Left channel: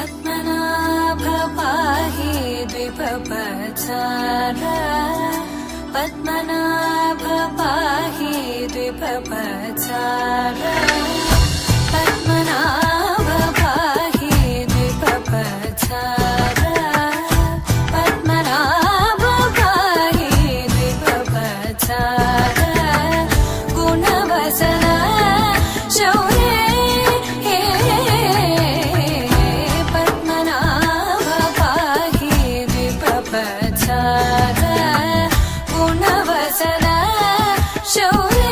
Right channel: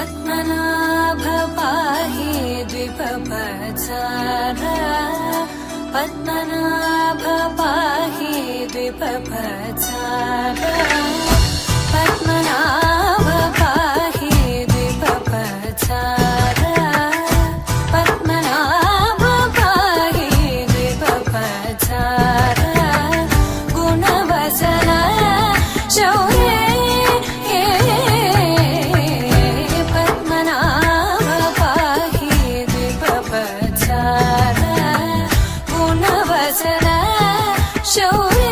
పద్మనాభ పాహి ద్విపపచార పద్మనాభ పాహి ద్విపపచార పద్మనాభ పాహి ద్విపపచార పద్మనాభ పాహి ద్విపపచార గుణవసర శౌర్య పద్మనాభ పాహి ద్విపపచార గుణవసర శౌర్య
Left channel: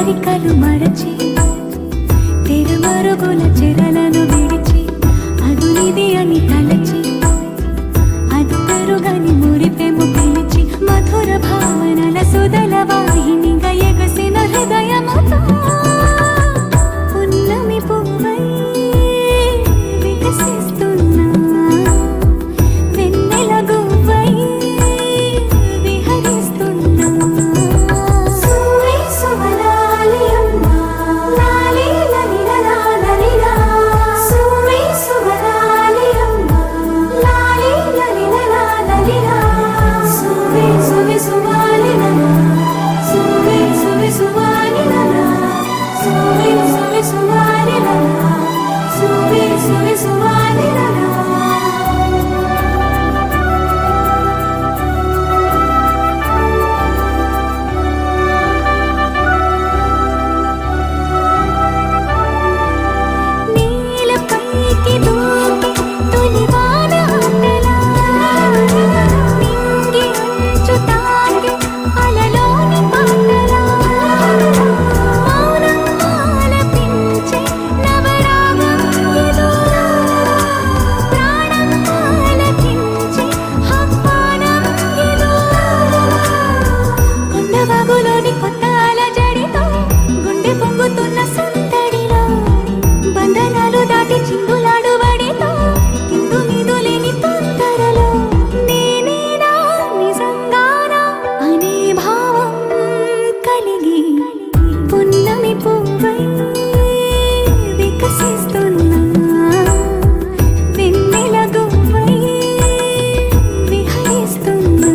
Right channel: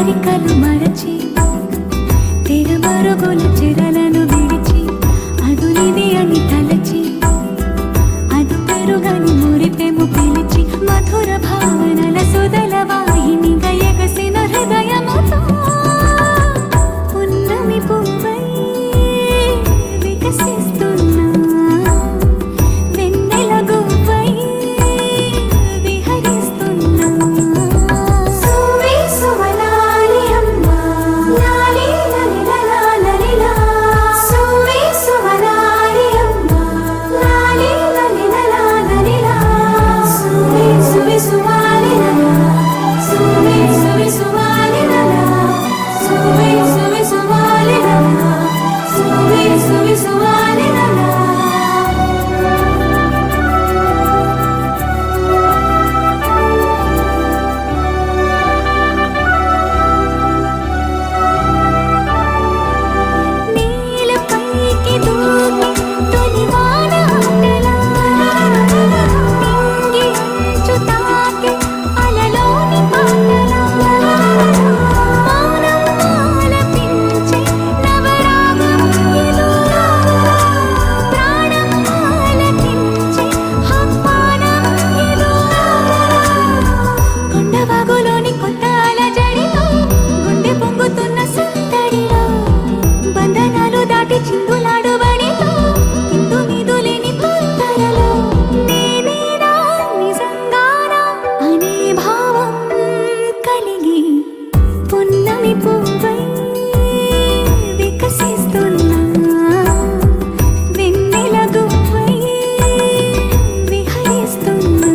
అరికలు మరచి తెరమరుగుల చెరలను విడిచి అదునిది అని తలచి అదు పెరుగని మురిపెము పిలిచి మధుర భావనల సుదల వాహినిగా ఎగసిన హృదయముతో పున్నమి పువ్వై వికసిస్తున్నా వెన్నెల గువ్వై సువాలిన చిలిపి చిందులాడు బడితో ఇందు మీదులేని తొందరలో నేనేనా నిజంగానా అనే భావం కలిగి పున్నమి పువ్వై వికసిస్తున్నా వెన్నెల గువ్వై విహరిస్తున్నా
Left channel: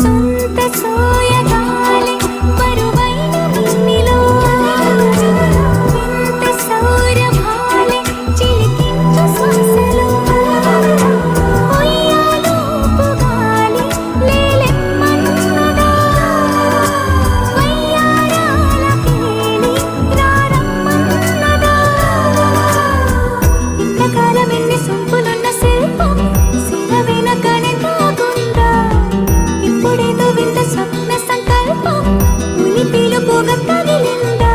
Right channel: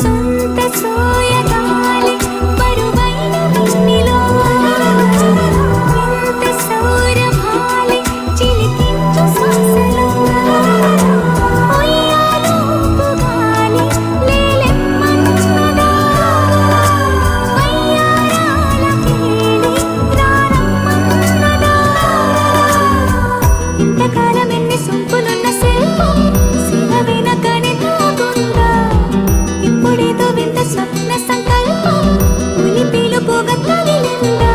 సొంత సోయగాలి బరువైన మిన్నిలో వింత సౌరభాలి చిలికించు శ్వాసలో ఉయ్యాలూపు గాలి లేలెమ్మన్నదా వయ్యారాల కేళి రారమ్మన్నదా ఇంతకాలం ఎన్ని సొంపులున్న శిల్పం శిల వెనకనే తాగుందా ఇప్పుడేదో వింత స్వప్న సంకల్పం ఉలి పిలుపుగా తగిలిందా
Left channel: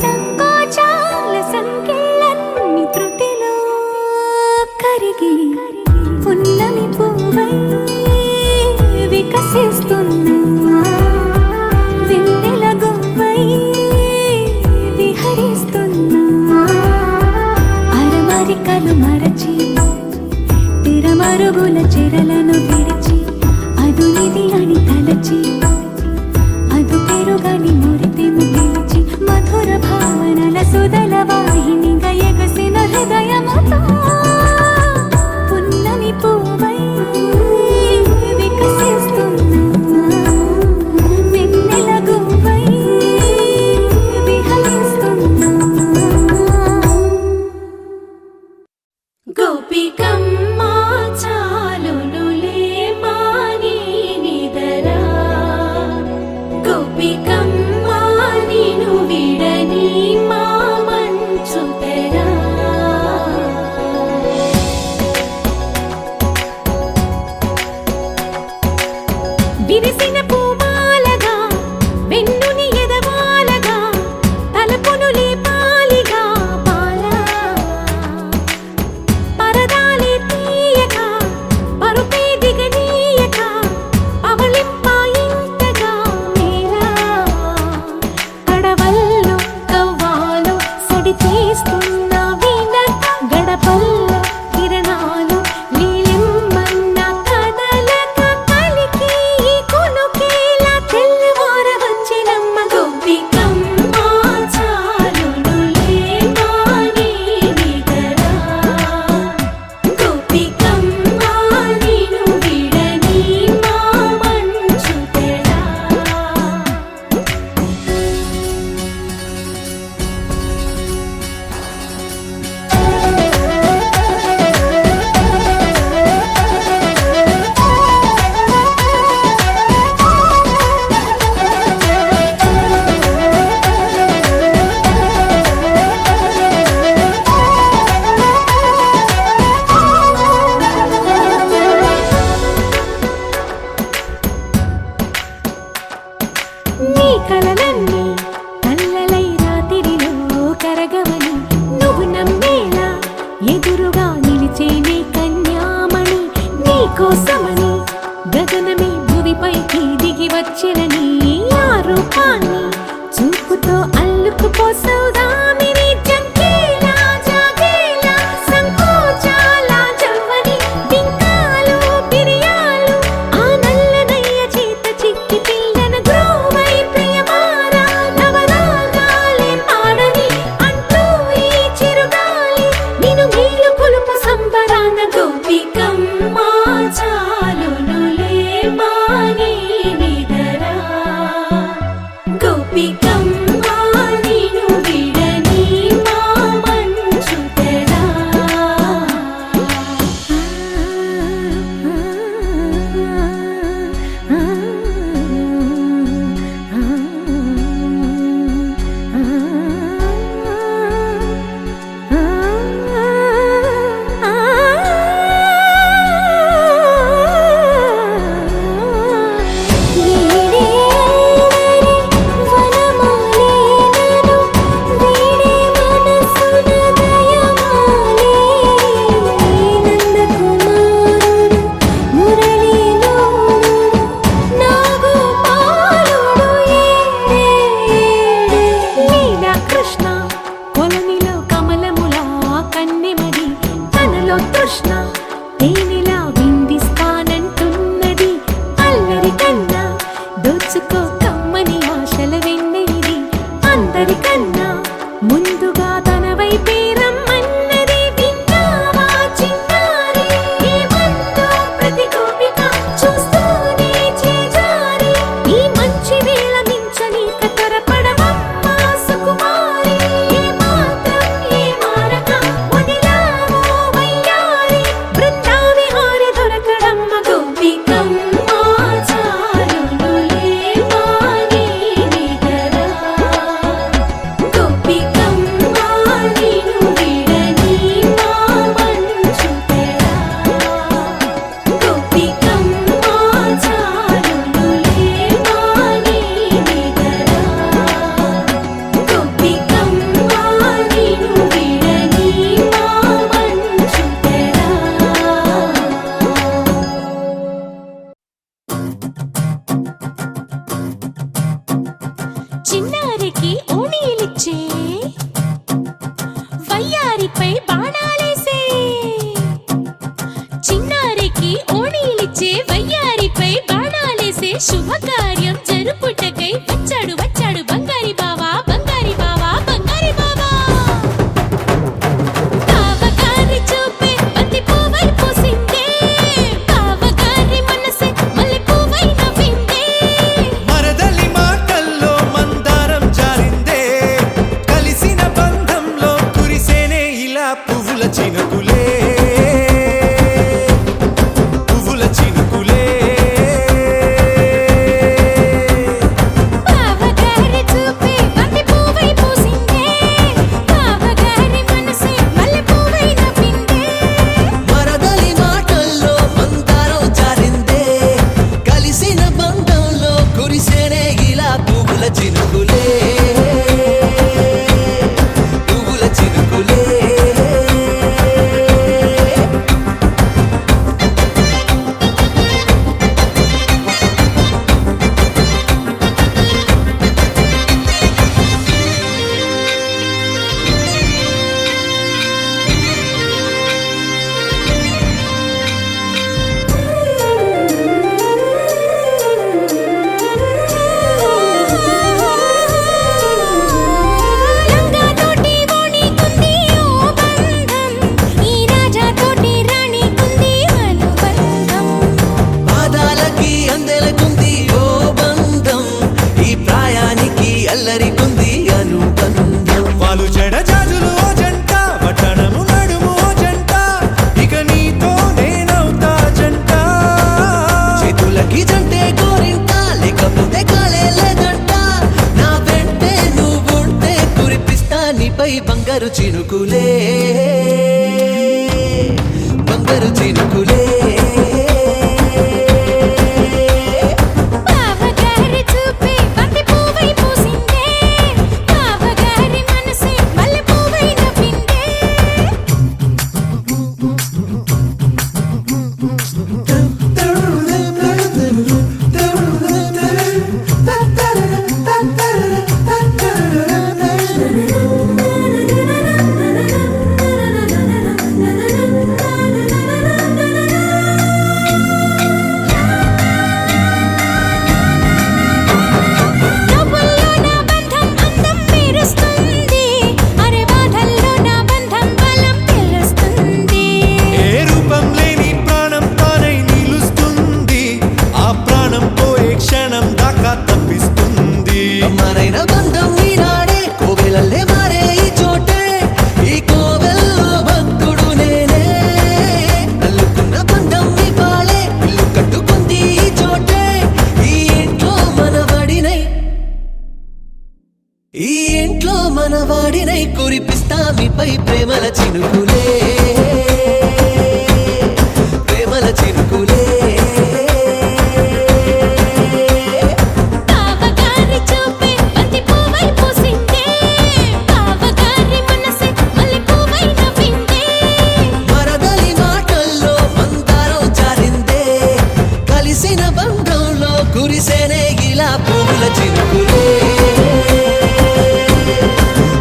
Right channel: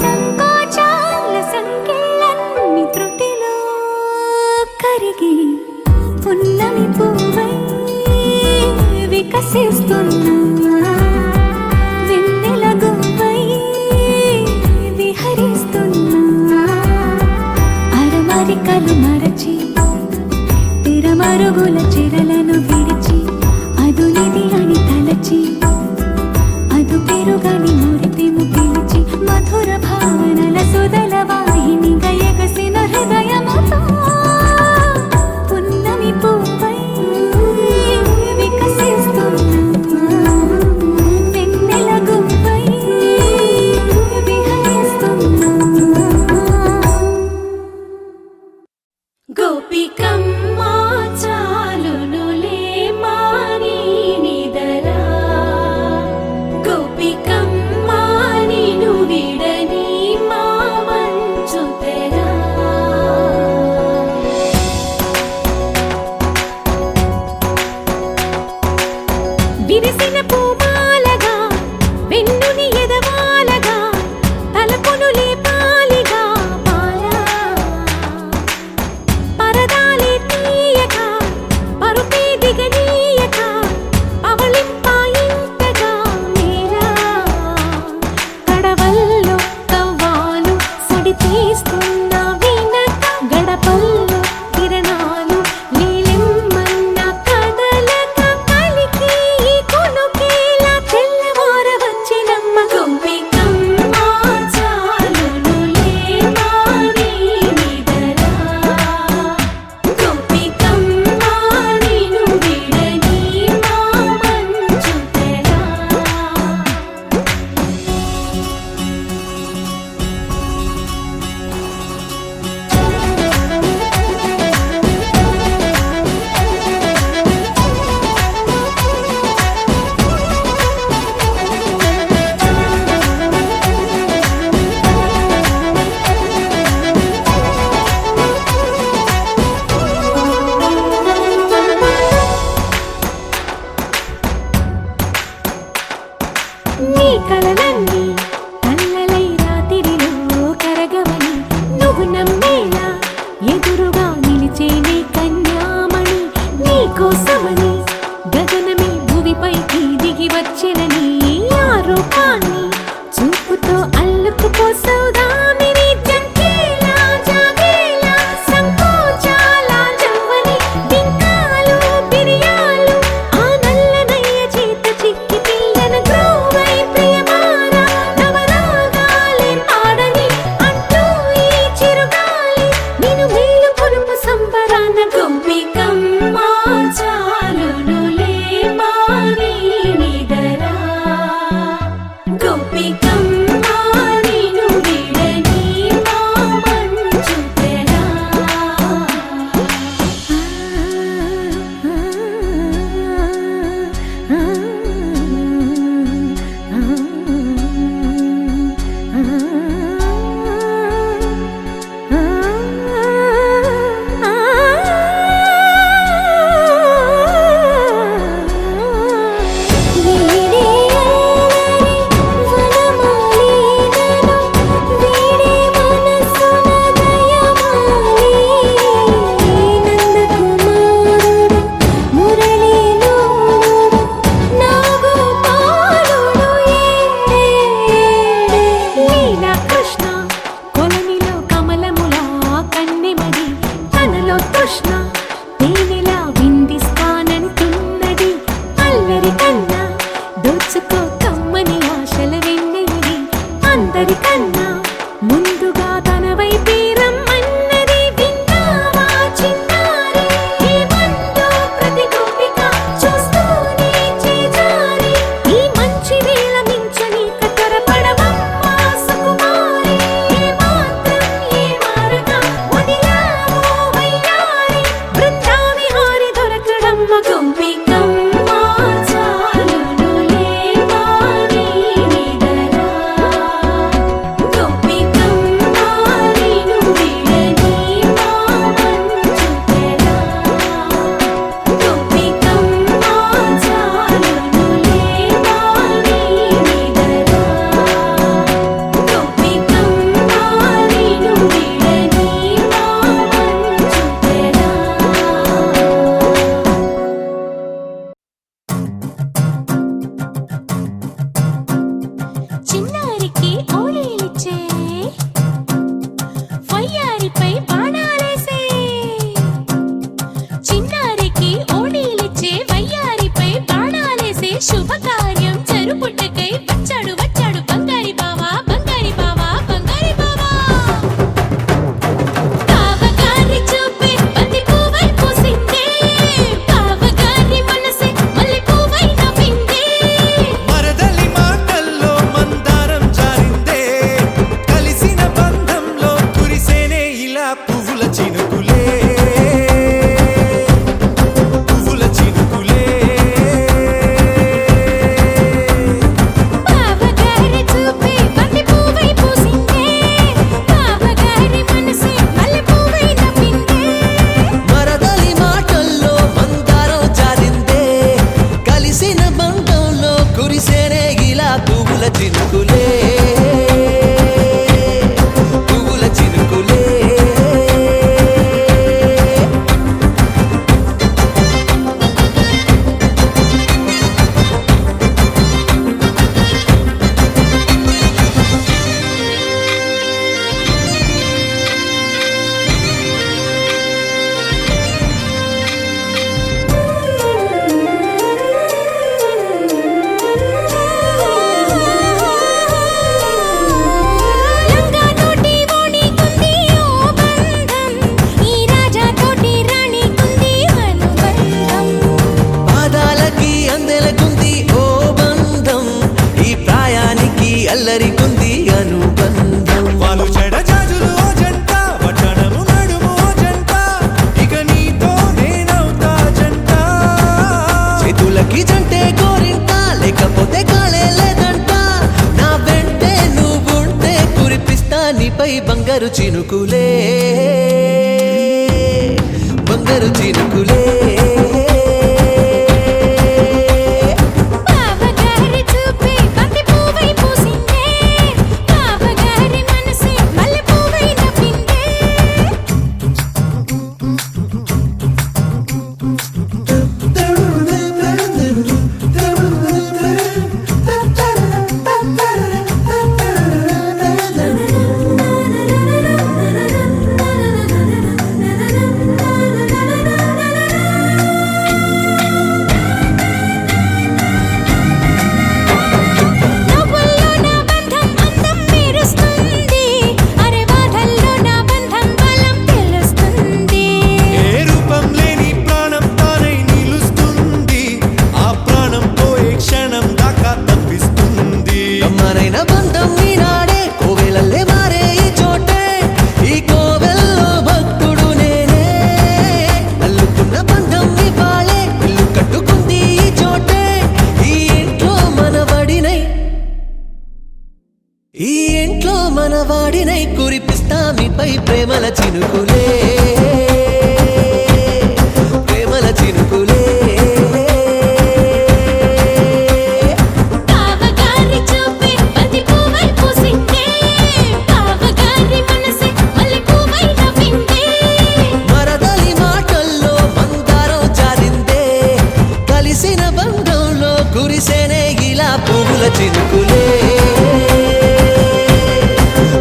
సంకోచాల సంఖ్యలన్నీ త్రుటిలో కరిగి పున్నమి పువ్వై వికసిస్తున్నా వెన్నెల గువ్వై విహరిస్తున్నా అరమరికలు మరచి తిరమరుగుల చెరలను విడిచి అదునిది అని తలచి అదు పెరుగని మురిపెము పిలిచి మధుర భావనల సుదల వాహినిగా ఎగసిన హృదయముతో పున్నమి పువ్వై వికసిస్తున్నా వెన్నెల గువ్వై విహరిస్తున్నా గోపికమ్మ చాలునులే మాని నిదరా గోపికమ్మ నిను విడని మా మంచు తెరా విరిసిన పూమాలగా వెన్నుని ఎదవాలగా తలపును లేపాలిగా బాలా పరదాలే తీయక పరుపే దిగనీయక అవళింపాయింతగా మేరా కడవల్లో కవ్వాలు సడి తీస్తున్న వినక గడపల్లో కిరణాలు నీలిమ్మన్న కదలక కలికి ఈ కొనుకేలా తెల్లవార వచ్చినమ్మ గోపికమ్మ చాలునులే మాని నిదరా గోపికమ్మ నిను విడని మా మంచు తెరా నీ కలలన్నీ కల్లలై రాత్రిలో కరగవని నువ్వు నమ్మేలా ఎదురుగా నిలిచేనే కన్యామణి నీ కోసమని గగనమే భువిపైకి దిగి వచ్చినని ఆ రూపాన్ని చూపుతో అల్లుకుపోసౌదామిని జంకేలా జాగేలా సంకోచాల జవ్వని బింకాలు బిరియాలు ఆ నల్లనయ్య చేత చిక్కి పిల్లన గ్రోవై ప్రియమారా నవరాగాలే పాడని అంటూ ఈ చిరుగాలి నిన్ను మేలు కొలుపు సంబరాన గోపికమ్మ చాలునులే మాని నిదరా గోపికమ్మ నిను విడ అందరికన్నా ముందుగా తన వైపే రమ్మన్నది విన్నావా చిన్నారి ఈ మందు ప్రతి గోపిక చూస్తూనే చేజారి ఈ మంచి వేళ మించని కతరపడవమ్మా సుకుమారి ఏ మాత్రం ఏ మారక వదిలావో వయ్యారి బృందావిహారి దొరకడమ్మ గోపికమ్మ చాలునులే మాని నిదరా గోపికమ్మ నిను విడని మా మంచు తెరా గోపికమ్మ చాలునులే మాని నిదరా గోపికమ్మ నిను విడని మా మంచు తెరా చిన్నారికి ఓణీలిచ్చే వయ్యారిపై బాణాలేసే చిన్నారికి ఓణీలిచ్చే వయ్యారిపై బాణాలేసే శుభకార్యం జరుపుటకై వచ్చాడు వచ్చాడు బంగారి బావా బంగారి బావా బంగారి బావా బావగారి చూపే బంతి పువ్వై పూసిందే బావగారి మనసే మల్లె పువ్వై నవ్విందే మరదలి మాటల్లో మందారం జారిందే కలిసిన బంధంలో కురిసేనే ఇలా పువ్వుల చినుకులే పువ్వుల చినుకులే బావగారి చూపే బంతి పువ్వై పూసిందే బావగారి మనసే మల్లె పువ్వై నవ్విందే మరదలి మాటల్లో మందారం జారిందే కలిసిన బంధంలో కురిసేనే ఇలా పువ్వుల చినుకులే పువ్వుల చినుకులే లంగా తోటి ఓణి కుంది ఓ బంధం ఈ రాజా తోటి రాణి కుంది అనుబంధం పాదాలకి అందెలకుంది ఓ బంధం ఈ ప్రాయానికి అల్లరికుంది అనుబంధం వాళ్ళు చెడజాజులు ఓ జంట వటనము నడుము ఓ జంట ఇక నీతో నేనవుతా జంట చేతులకి జంటే గోరింట లేకపోతే కాలే లేదంట నా వెంటే నువ్వుంటే కురిపిస్తా నీపై బంగారు చినుకులే బంగారు చినుకులే బావగారి చూపే బంతి పువ్వై పూసిందే బావగారి మనసే మల్లె పువ్వై నవ్విందే నవ్వుల్లో నా బంధం అందం మెరుస్తుంది అరే బాధల్లో నా బంధం బలం తెలుస్తుంది ఏ రూపం లేని ప్రాణం తానై నిలుస్తుంది ఆ ప్రాణం పోయే క్షణం దాకా తప్పిస్తుంది కమ్మనైన బంధం ఈనాడే కోవెలల్లే మారే ఈ చోటే ఈ కోవెల్లో భక్తుడు నేనే అల్లుకున్న బంధం ఇవాళే ఇల్లు కట్టుకుంది ఈ చోటే ఈ ఇంట్లో మనవాడినై ఈ ఇంట్లో మనవాడినై కురిపిస్తా మీపై ప్రేమల చినుకులే ప్రేమల చినుకులే బావగారి చూపే బంతి పువ్వై పూసిందే బావగారి మనసే మల్లె పువ్వై నవ్విందే మరదలి మాటల్లో మందారం జారిందే కలిసిన బంధంలో కురిసేనే ఇలా పువ్వుల చినుకులే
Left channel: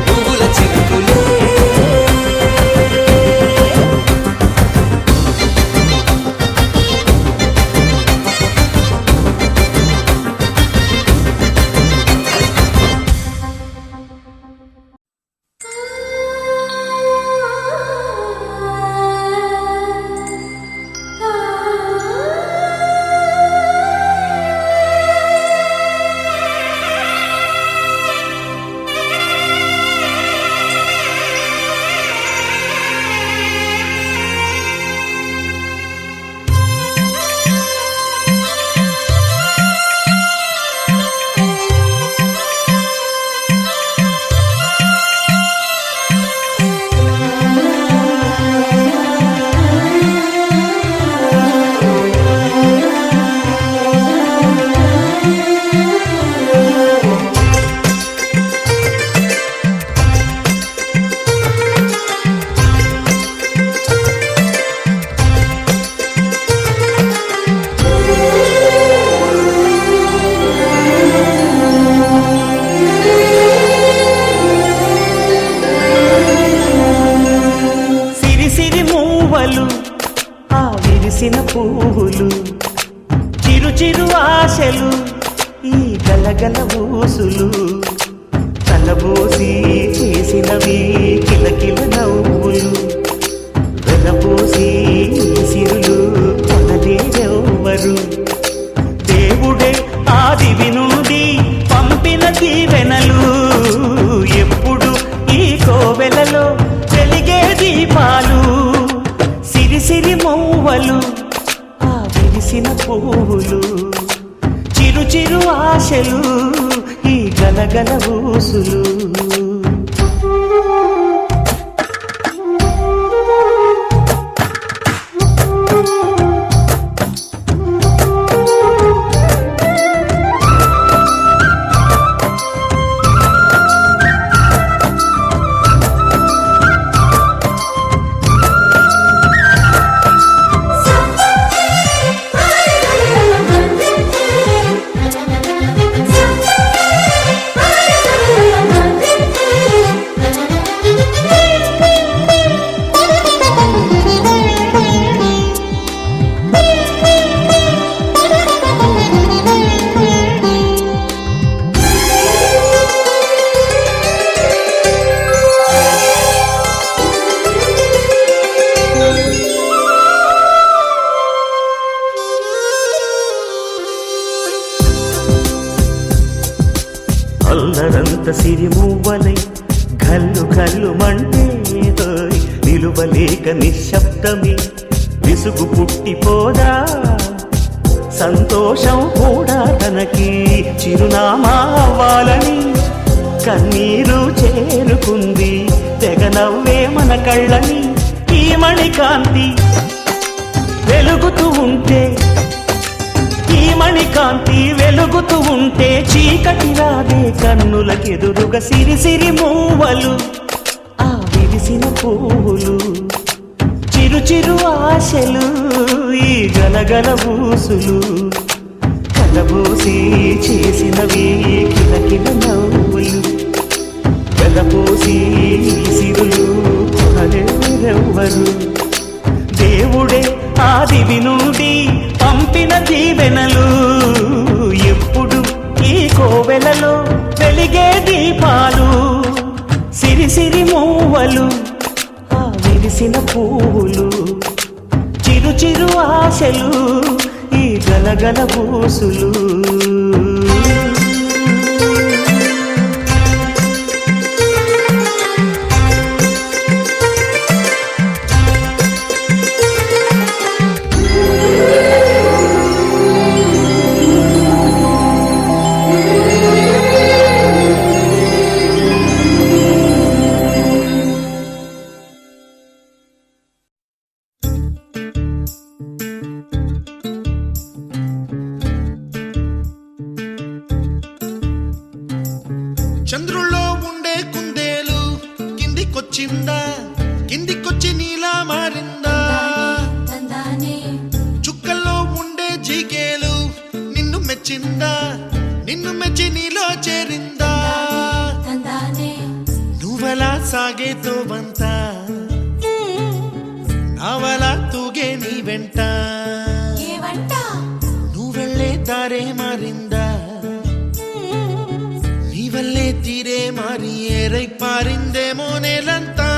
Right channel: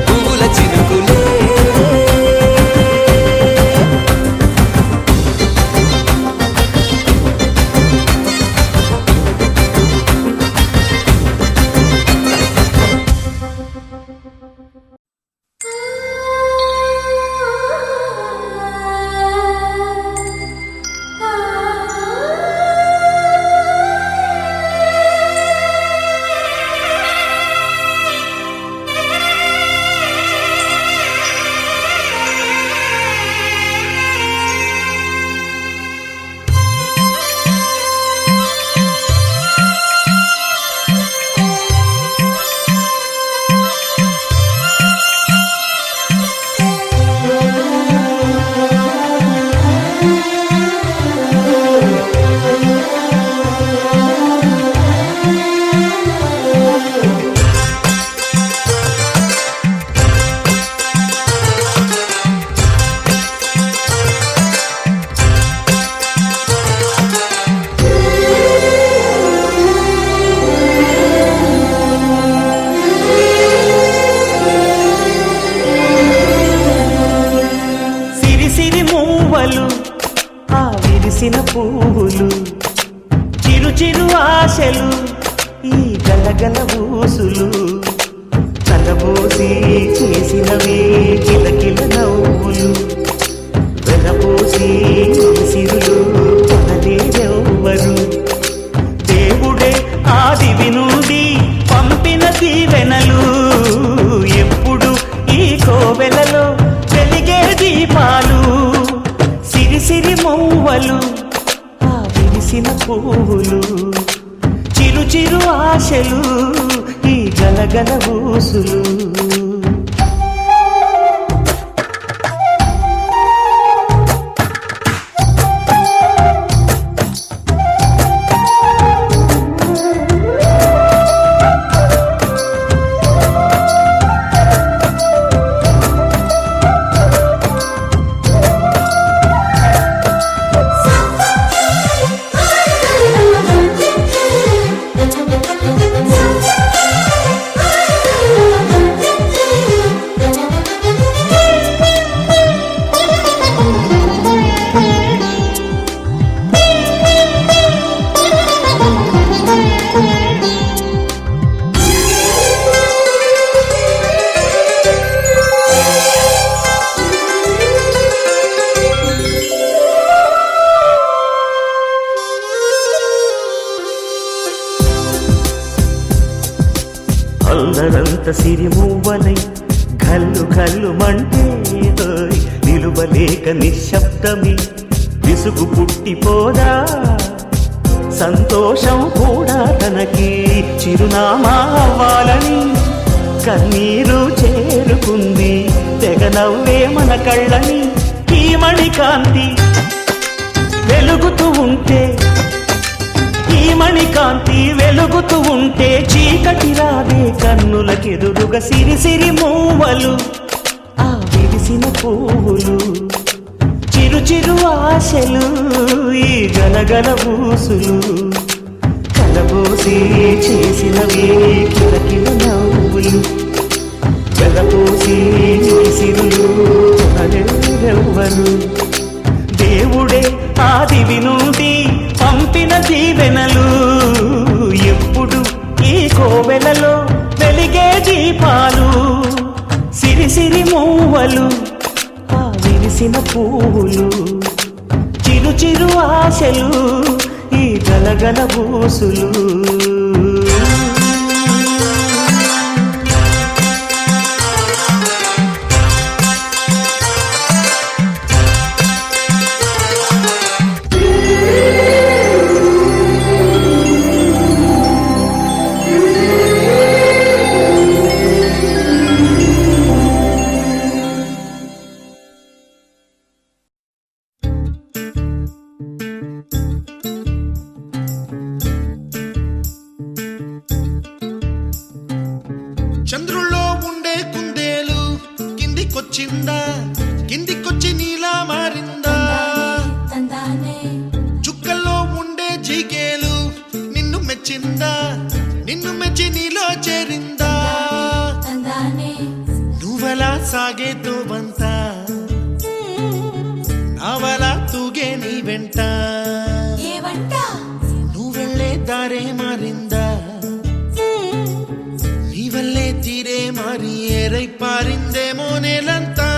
పువ్వుల చినుకులే మూవలు ఆ విరిసిన పువ్వులు చిరు చిరు ఆశలు ఈ గలగల ఊసులు కలబోసి చేసినవి కిలకిల నవ్వులు వెలబోసి సిరులు కొనలేరెవ్వరు దేవుడే ఆదివి నుండి పంపిన దీవెనలు ఎప్పుడు ఈ కోవెలలో వెలిగే దీపాలు సిరి మౌవలు ఆ విరిసిన పువ్వులు చిరు చిరు ఆశలు ఈ గలగల ఊసులు అల్లరంత సిరిమూవలై గల్లు గల్లు మంటే నిలువలేక నిశ్శబ్దమి విసుగు పుట్టిపోదా సంతోషం కూడా తనకి చిరునామా అవ్వాలని కన్నీరు చేరుకుంది తెగ నవ్వే మన కళ్ళని ఈ మణికాంతి వెలుగుతూ ఉంటే ఈ మణికాంతి వెలుగుతూ ఉంటే చీకటి రాదే కన్నులకెదురుగా సిరి మూవలు ఆ విరిసిన పువ్వులు చిరు చిరు ఆశలు ఈ గలగల ఊసులు కలబోసి చేసినవి కిలకిల నవ్వులు వెలపోసి సిరులు కొనలేరెవ్వరు దేవుడే ఆదివి నుండి పంపిన దీవెనలు ఎప్పుడు ఈ కోవెలలో వెలిగే దీపాలు సిరి మూవలు ఆ విరిసిన పువ్వులు చిరు చిరు ఆశలు ఈ గలగల ఊసులు చంద్రుల్లో ఉండే కుందేలు కిందికొచ్చిందా కిందికొచ్చి నీలా మారిందా చుక్కల్లో ఉండే జీకేలు నిన్ను మెచ్చిందా నిన్ను మెచ్చి నీలో చేరిందా నువ్వలా సాగేతో బంత నావలా తూగే నీ వెంట నువ్వెళ్ళే దారే మారిందా నీవల్లే తీరే మారి ఏరై పారిందేమో నేలంతా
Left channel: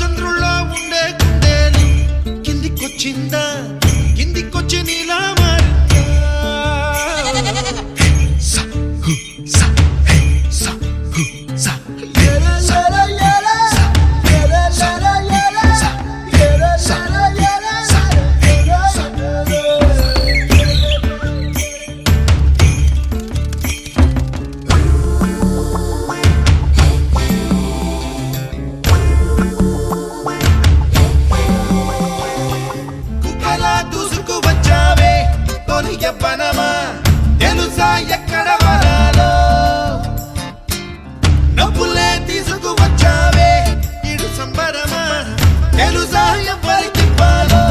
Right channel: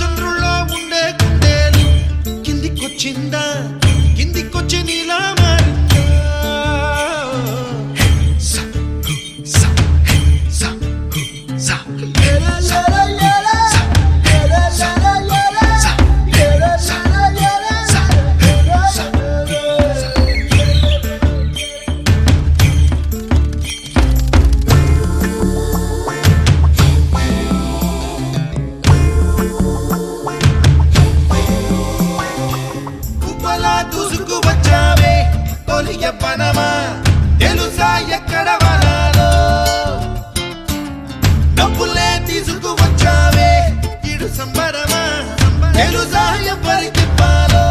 చంద్రుల్లో ఉండే కుందేలు కిందికొచ్చిందా కిందికొచ్చి నీలా మారిందా యవ్వనమా తెలుసా ఎక్కడ వనాలో డబ్బులే తీసుకువచ్చావే ఇడు సంబరమా తెలుసా ఎవరికి పాలో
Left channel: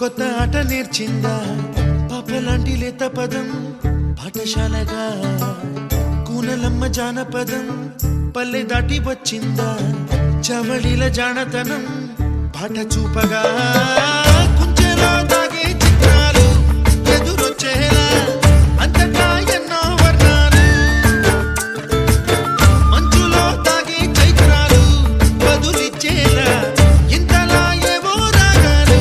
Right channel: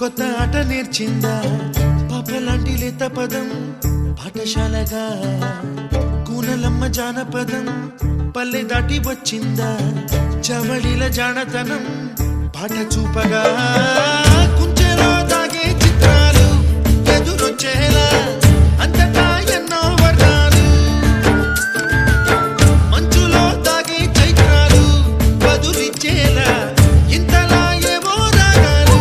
కొత్త ఆట నేర్చిందా పాపలాంటి లేత పదం పాఠశాలగా కూనలమ్మ జానపదం పల్లె దాటి వచ్చిందా చవళిల జానతనం పాట చూపగా కుంచెలో దాగే చిత్రాలు ఎదురొచ్చేలా అంతటా ఎన్నో వర్ణాలు మంచులో దాగే చైత్రాలు బదులిచ్చేలా ఇంతలా ఏవో రాగాలు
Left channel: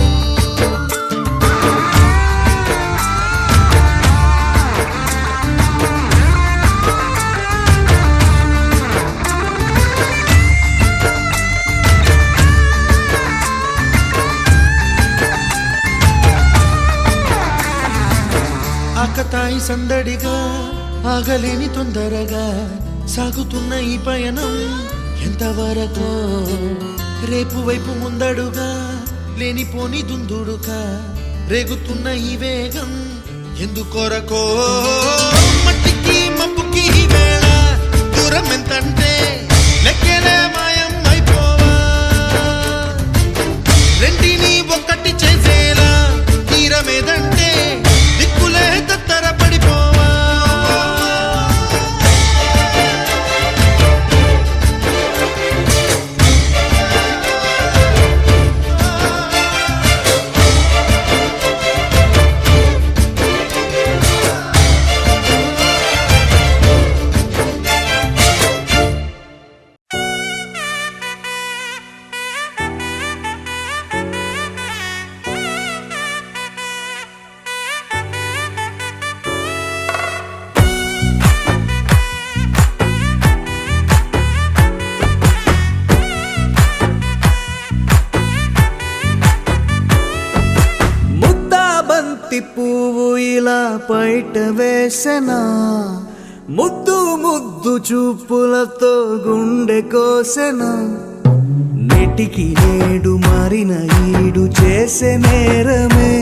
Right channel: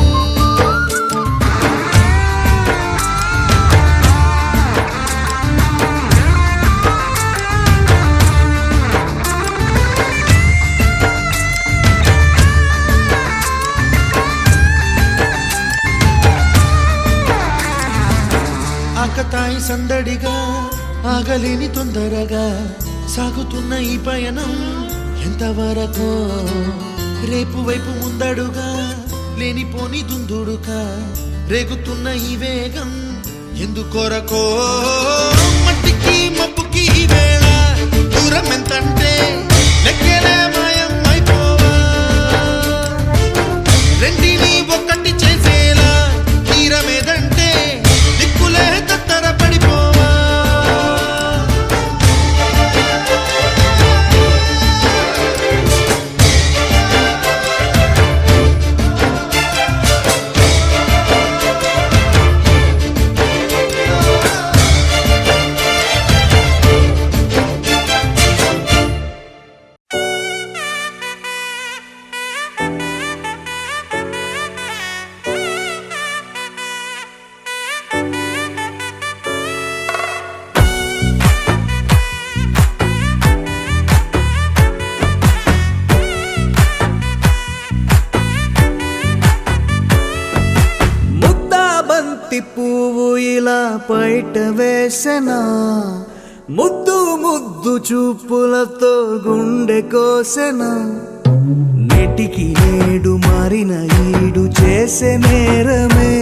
ఆకతాయి సందడిగా ఆగలేని తొందరగా సాగుతున్న ఈ పయనం ఎంతవరకో రేపు వైపు ముందడుగా లేనిపోని దుందుడుగా రేగుతున్న ఈ వేగం ఎందుకొరకో మట్టికి మబ్బుకి ఈ వేళ దూరం ఎంతంటే లెక్కలే మాయం అయిపోవా రెంటిని ఒక్కటి చేసేలా తీరమేదంటే దిక్కులే తత్తర పడిపోవా ముద్దాబంతి పువ్వు ఇలా బయట వేసెనా ముద్దు ముద్దు చూపులతో గుండె కోసెనా నెటికి నేడు మారిన ఈడు చేసే నేరమే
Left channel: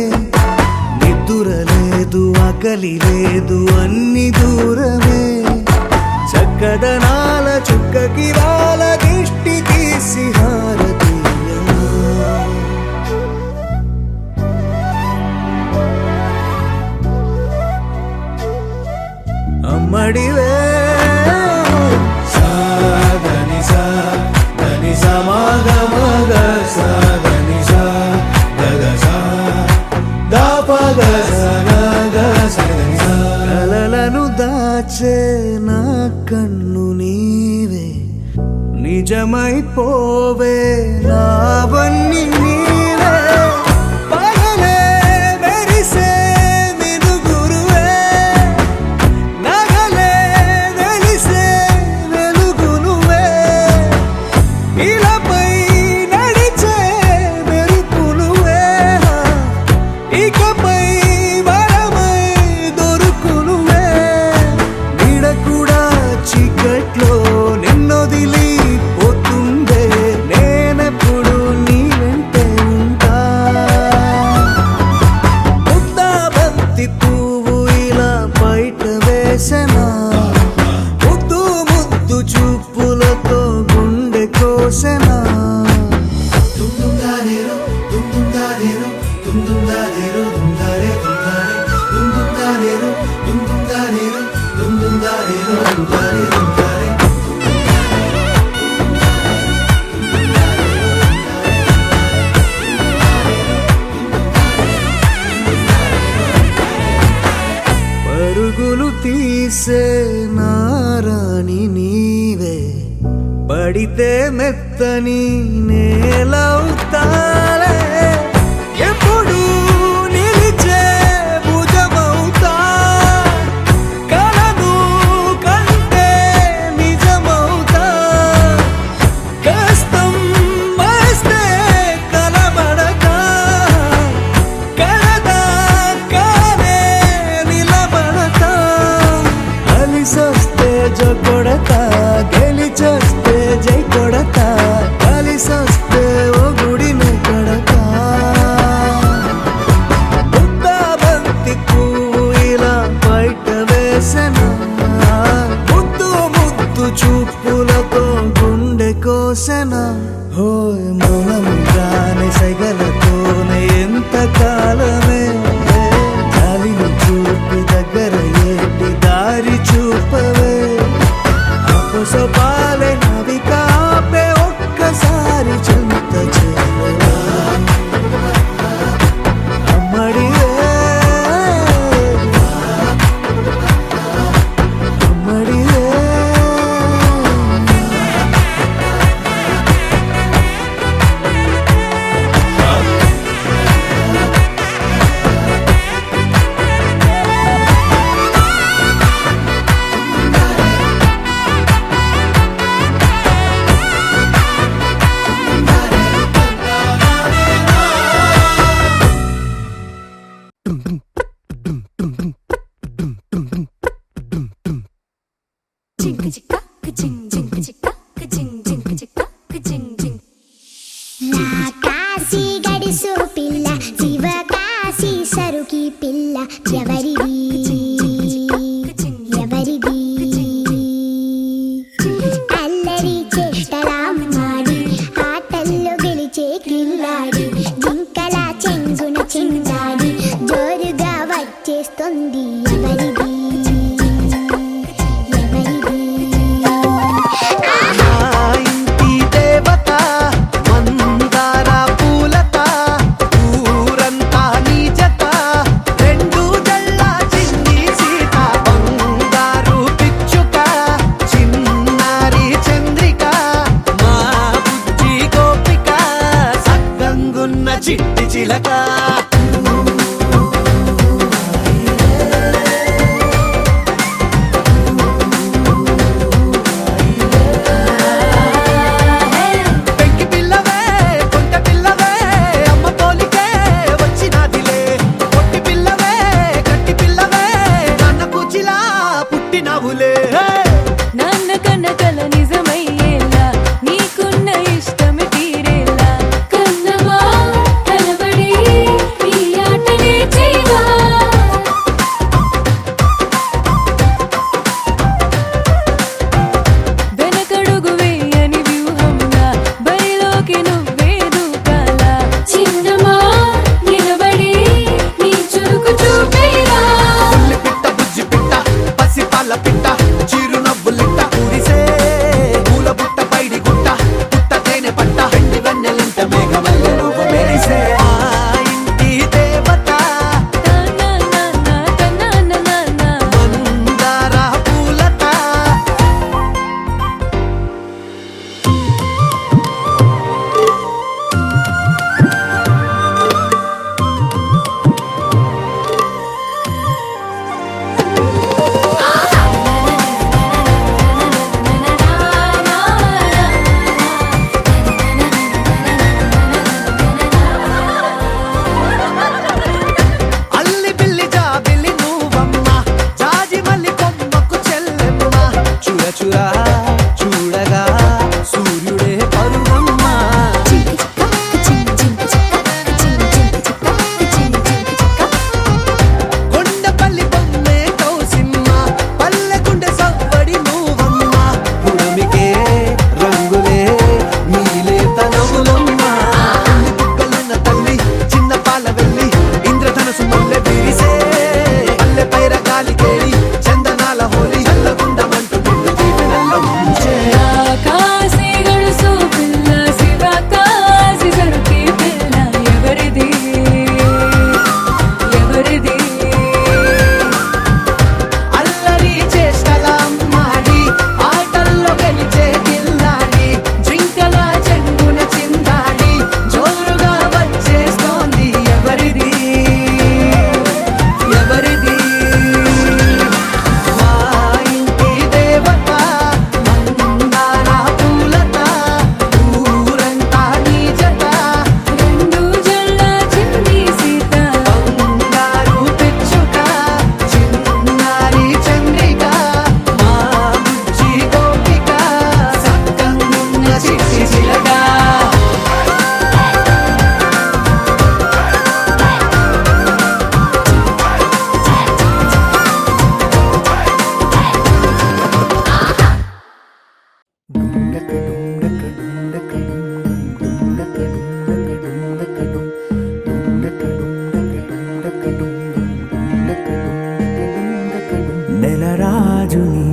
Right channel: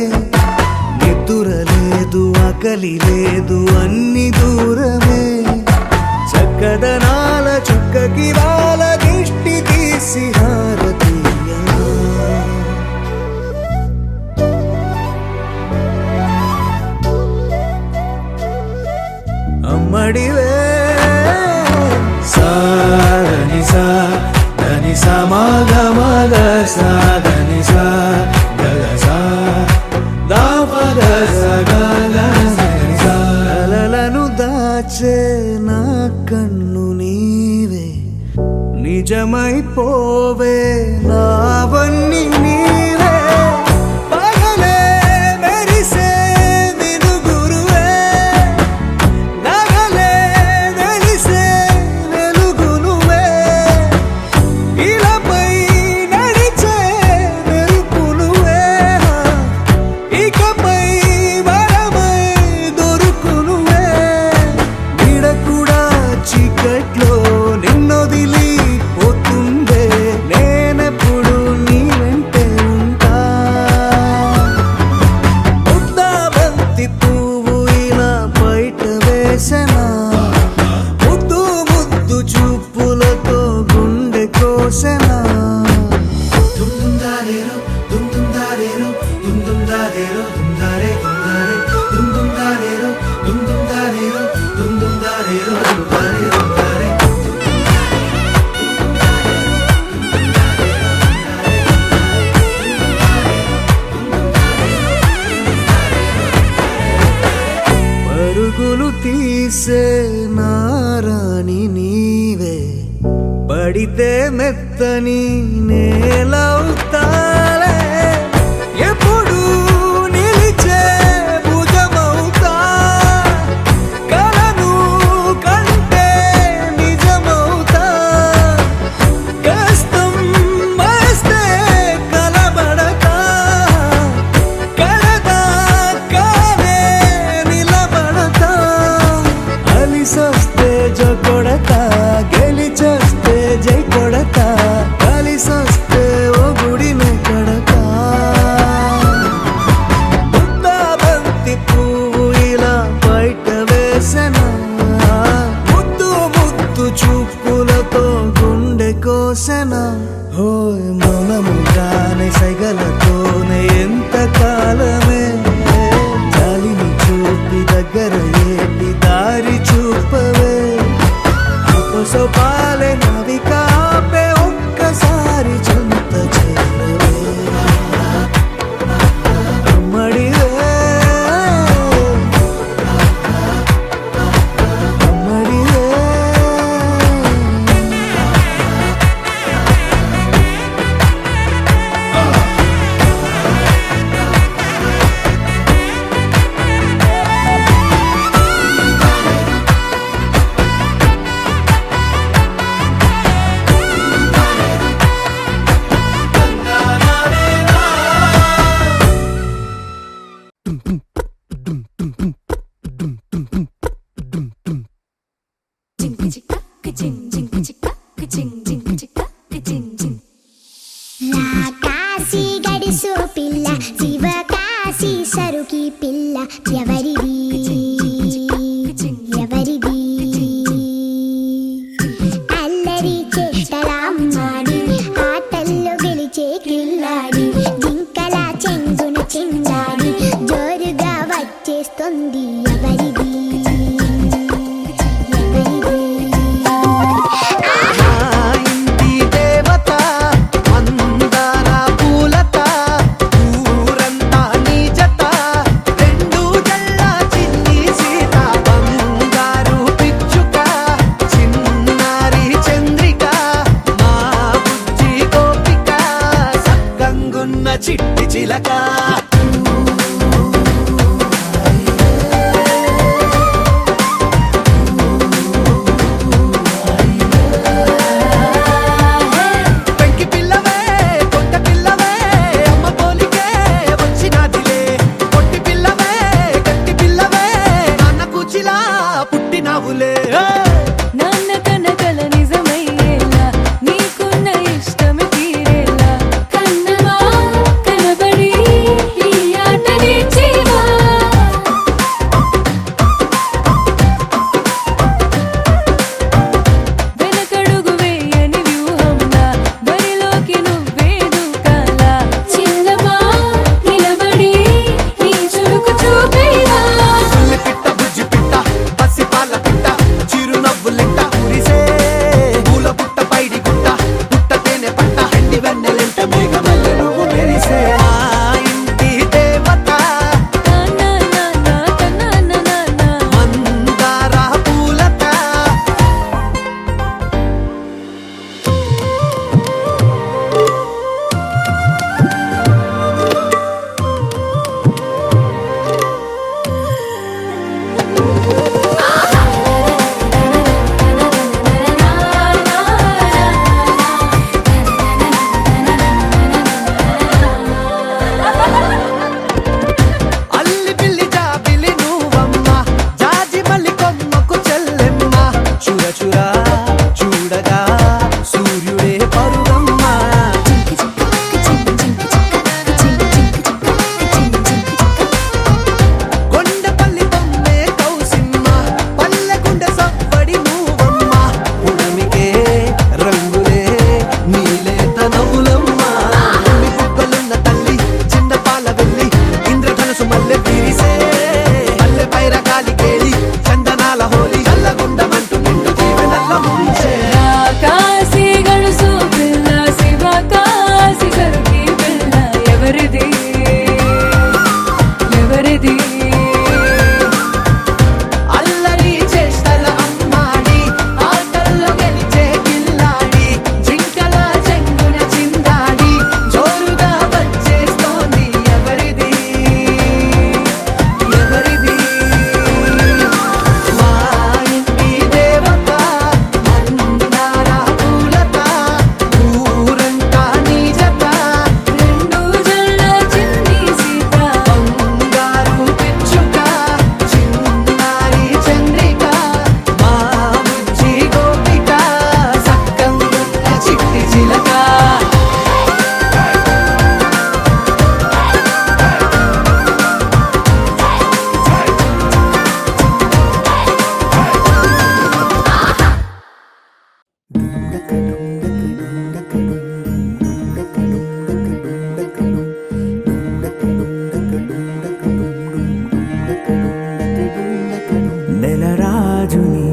నిద్ర లేదు ఆకలి లేదు అన్ని దూరమే చక్కదనాల చుక్కకి వాళ్ళ దిష్టి తీసి హారతీయనా అమ్మడివే కలలను దాచే నా కన్ను నీవే నిజమైపోవే నావన్నీ నీవే పగలే మెరిసే మినుగురువే నగలే వెలిసే వెలుగునువే ఇలాపై నడిచే మెరుపునువే ఇకపై వరమై దొరుకునువే నీడ కూడా చీకట్లో నిన్నొదిలి పోతుందే నేనెప్పుడు నీ వెంటే ఉంటా ముద్దాబంతి పువ్వు ఇలా బయట వేసెనా ముద్దు ముద్దు చూపులతో గుండె కోసెనా పరుగులు తీసే నారాణి నీవే పడితే మెత్తని నేలవుతాలే ఎప్పుడు నిలిచే భుజమవుతా కలను కంటే నిజమవుతా కష్టం వస్తే కలబడతా కడదాకానే నిలబడతా అలిసొస్తే జో కొడతా గెలిచొస్తే జై కొడతా కలిసొస్తే ఓ గుడినే కడతా ముద్దాబంతి పువ్వు ఇలా బయట వేసెనా ముద్దు ముద్దు చూపులతో గుండె కోసెనా హోయ్ మౌనముగానే సైగలతోనే ఎంత కాలమే జాలిని చూపి దగ్గర ఏటి దారి చూపవే అపసోపాలే నావిక ఆపే ఒక్కసారి చెంత చేరవే అమ్మడివే అమ్మడివే కాశీ గడిసో పిల్ల శివ కాశీ సరుకి పిల్ల ఎవరిది ఎవరిది అల్లరి చేష్టలామ్మాడి ఆటల్లో గెలిచే కిల్లాడి జింకల చెంగున చిందాడి జోరుగా వచ్చేస్తుంది ఎవరిది ఎవరిది చిట్టి చిలక రాజుని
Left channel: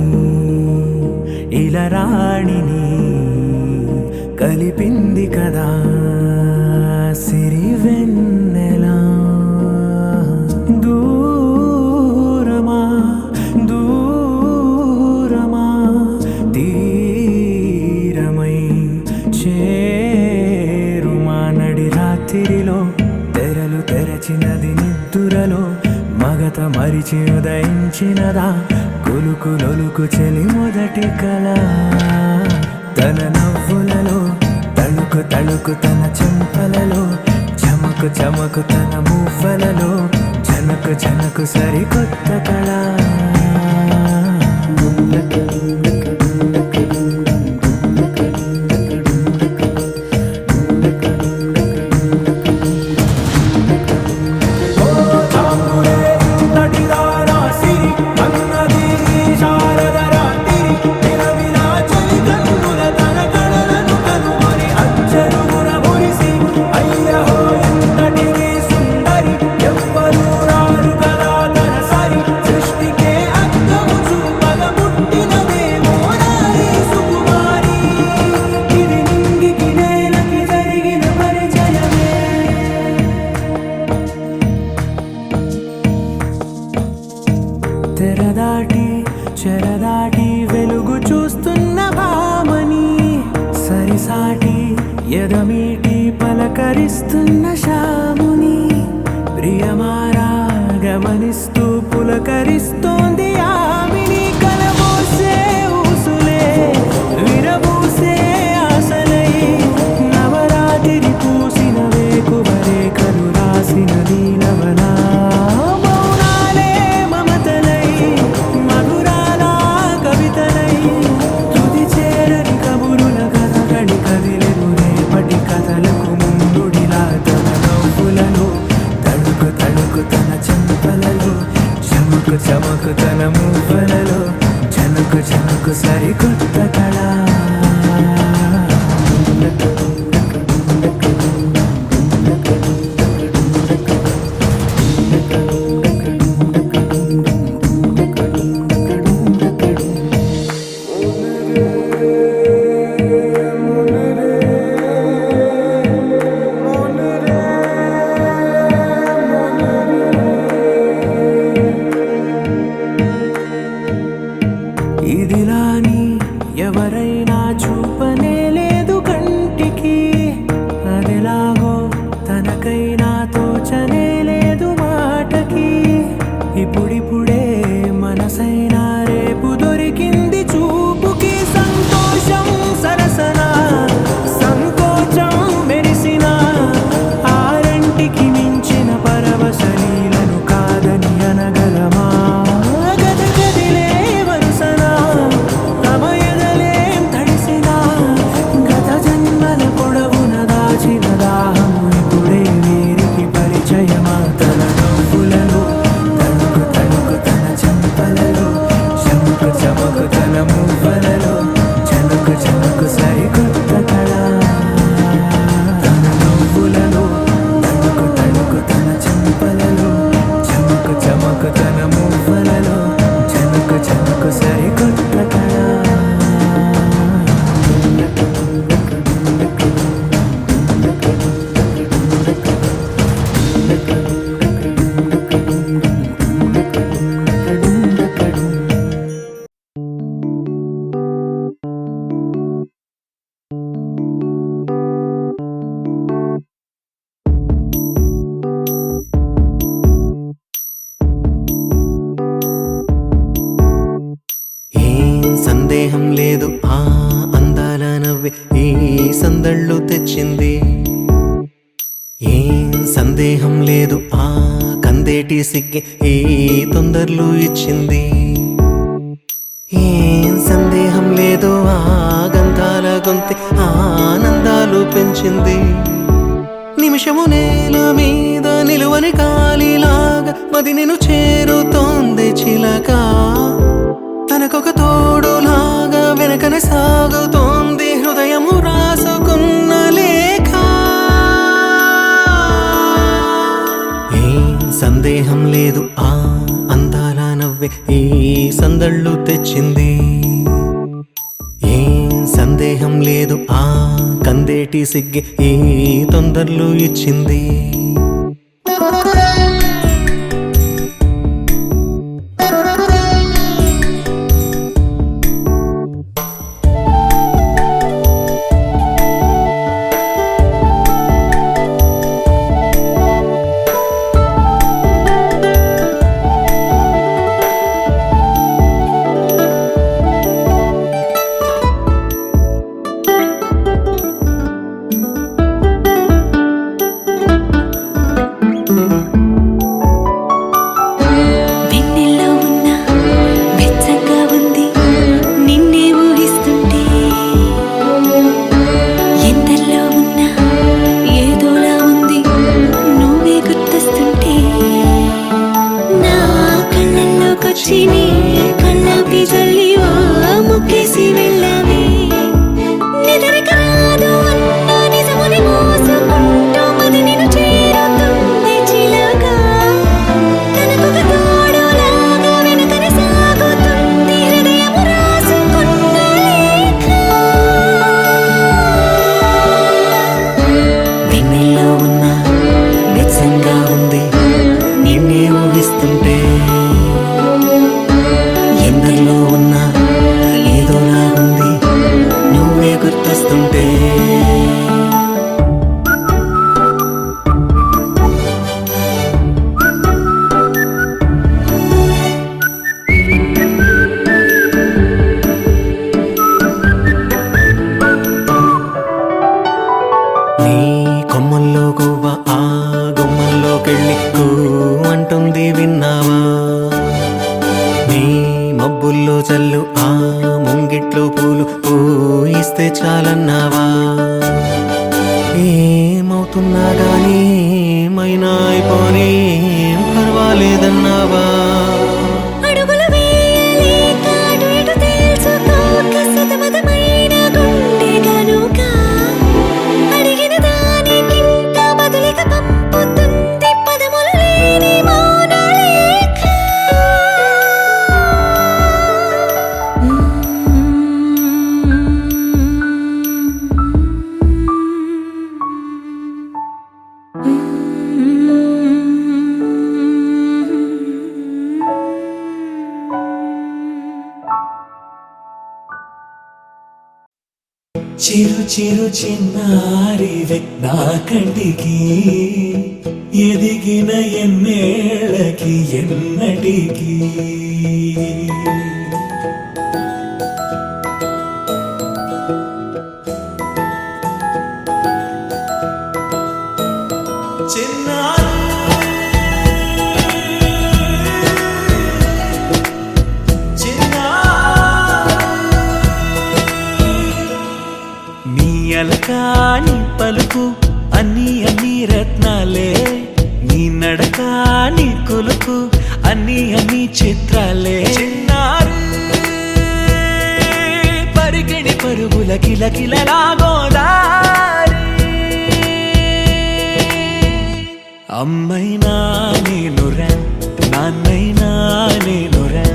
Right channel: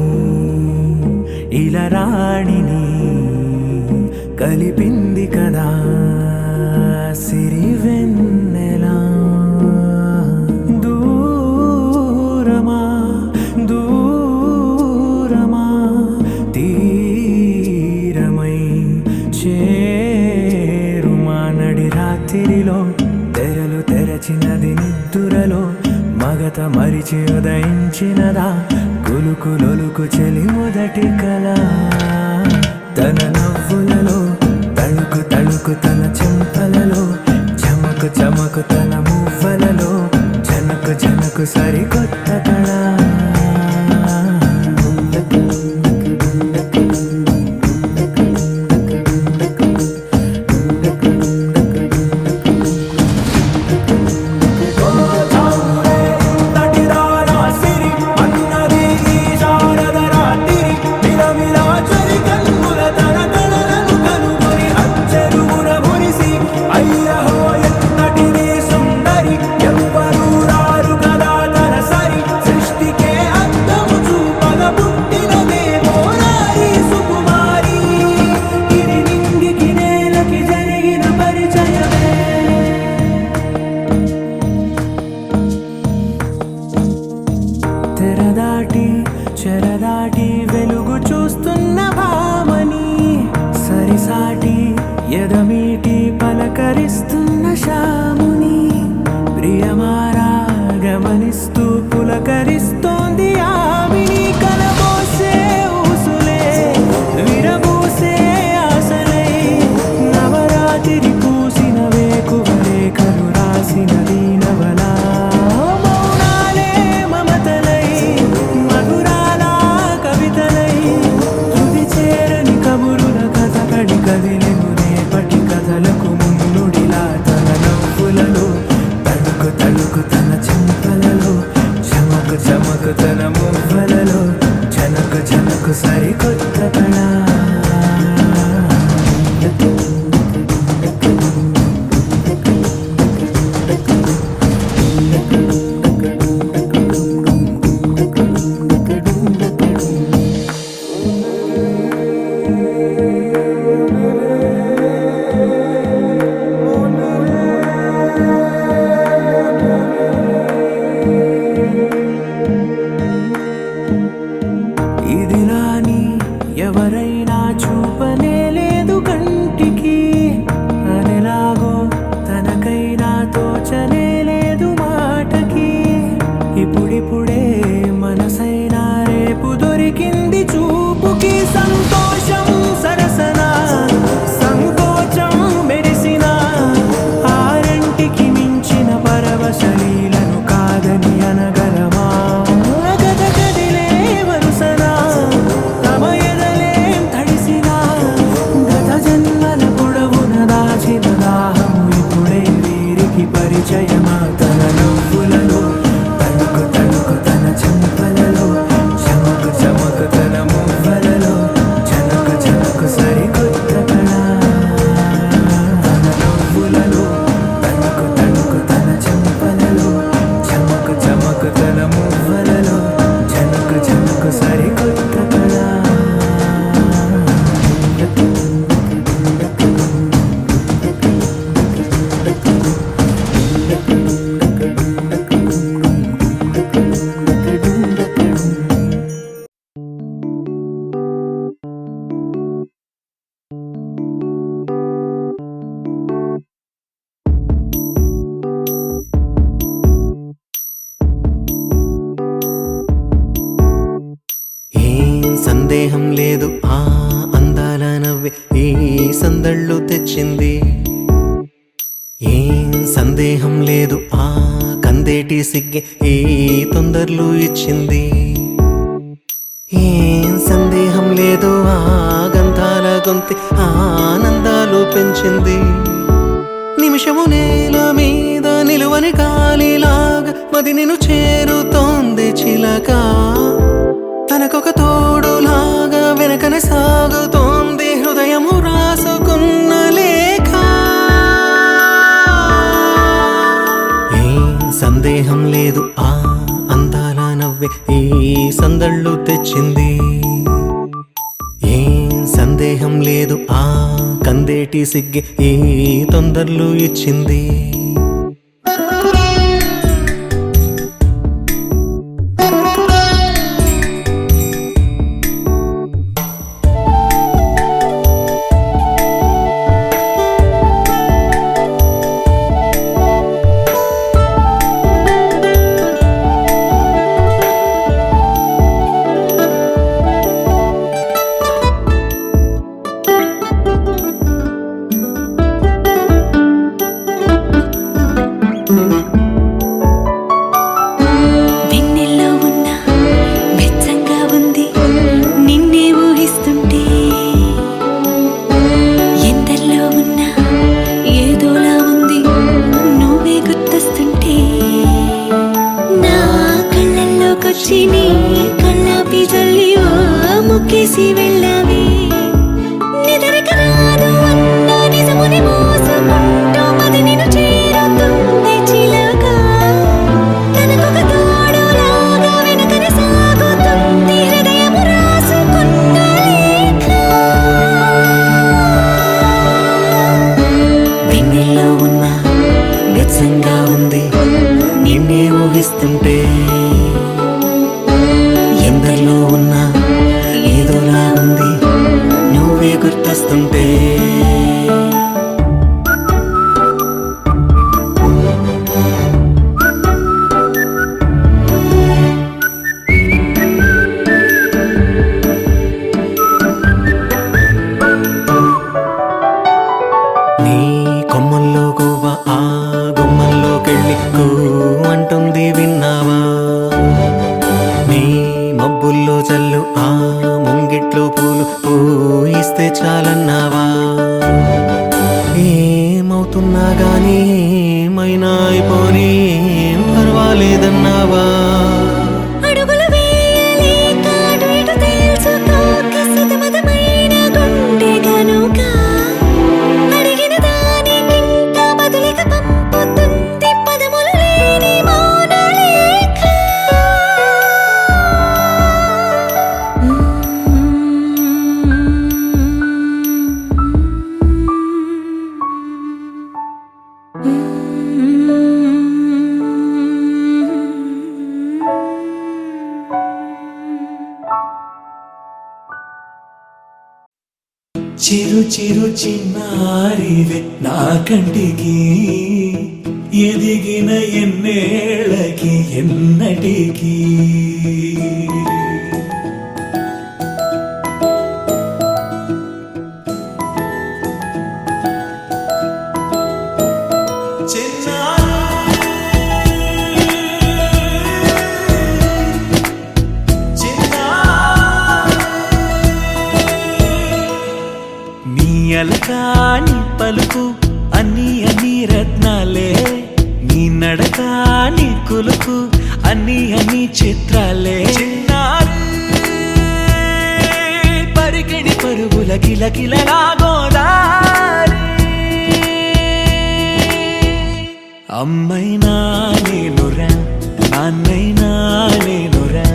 ఇలా రాణిని కలిపింది కదా సిరి వెన్నెలా దూరమా దూరమా తీరమై చేరుమా నడి రాత్రిలో తెరలు తెరచినది నిద్దురలో మగత మరిచి ఉదయించినదా కులుకులొలుకు చెలి మొదటి కళ తన నవ్వులలో తళుకు తళుకు తన చెంపలలో చమకు చమకు తన మువ్వలలో జనకు జనకు సరికొత్త కళ తెరదాటి చెరదాటి వెలుగు చూస్తున్న భామని సరిసాటి ఎదమీటి పలకరిస్తున్న శాముని ప్రియమారా గమనిస్తూ పులకరిస్తోంది ఆమిని కలబోసే ఊసులే విరబూసే ఆశలై నవరాత్రి పూసిన వేకువరేఖలు రాసిన దీనవలా కథలకు ముందుడిలా తన నవ్వులలో తడుకు తడుకు తన చెంపలలో చమకు చమకు తన మువ్వలలో జనకు జనకు సరికొత్త కళ ఇదిలాని ఎవరైనా చూపనే లేదు కంటికి అదెలాగో తనకైనా తోచనే లేదు మాటకి ఇప్పుడిప్పుడే మనసైనా రేపు దొరికింది చూపుకి సంతోషం సరసన సంకోచం మెరిసిన ఆరంటికి మించిన పరవశలీలను కాదని అనగలమా దాహము ఇప్పుడే వీరికి పరిచయమా తన నవ్వులలో తణుకు తణుకు తన చెంపలలో చమకు చమకు తన మువ్వలలో జనకు జనకు సరికొత్త కళ తన నవ్వులలో తణుకు తణుకు తన చెంపలలో చమకు చమకు తన మువ్వలలో జనకు జనకు సరికొత్త కళ సందేహం లేదు ఆ అందాల నవ్వే ఈ సందళ్ళు తెచ్చింది ఏం సందేహం లేదు ఆ కందేటి సిగ్గే ఈ తొందరలు ఇచ్చింది ఏం సందేహం లేదు ఆ గంధాల గొంతి ఆనందాలు పెంచింది నిమిషము నేల మీద నిలువని గాలిలాగా మది నిన్ను చేరుతోంది చిలక తనకొక తోడులాగా వెనకనే సాగుతోంది హృదయము రాసుకున్న లేఖ ఏం సందేహం లేదు ఆ అందాల నవ్వే నవ్వే ఈ సందళ్ళు తెచ్చింది. ఏం సందేహం లేదు ఆ కందేటి సిగ్గే ఈ తొందరలు ఇచ్చింది. వెన్నెల్లో ఉన్న వెచ్చంగా ఉంది నిన్నే ఊహిస్తుంటే, ఎందల్లో ఉన్న ఏదోలా ఉంది నువ్వే గుర్తొస్తుంటే, నా కళ్ళల్లోకొచ్చి నీ కళ్ళాపి జల్లి ఓ ముక్కేసి వెళ్ళావే. నిదరిక రాదు అన్న నిజముని మోసుకుంటూ మది నిన్ను చేరుతుంది చిలక. తనకొక తోడులాగా వెనుకనే సాగుతుంది హృదయము రాసుకున్న లేఖ. వెన్నెల్లో ఉన్న వెచ్చంగా ఉంది నిన్నే ఊహిస్తుంటే, ఎందరిలో ఉన్న ఏదోలా ఉంది నువ్వే గుర్తొస్తుంటే. నీ కొమ్మల్లో గువ్వ ఆ గుమ్మల్లోకెళ్ళి కూ అంటుంది విన్నావా. నీ మబ్బుల్లో చల్లు ఆ ముంగిట్లో పూలు పూయిస్తే చాలన్నావా. ఏమవుతున్నా గానీ ఏమైనా అయిపోనీ పర్వాలేదన్నావా. అడుగులు వేయలేక అటు ఇటు తెలుసుకోక సతమతమైన గుండె గనుక, అడిగిన దానికింత బదులిక పంపుతుంది పదములు లేని మౌన లేఖ. చిరు చిరు చిన్నారివే నా కంటికి ఎదిగిన ఎన్నేళ్ళకి ఎన్నటికి. నీ అలకా నీ పలుకు అన్ని అన్ని రత్నాలే, నీ నడక నీ కులుకు అన్ని అన్ని చిత్రాలే. చిన్నారి పరికిణి పరుగుల కిలకిలలా గోదారి, అమ్మైనా నేనురా నాన్నైనా నేనురా,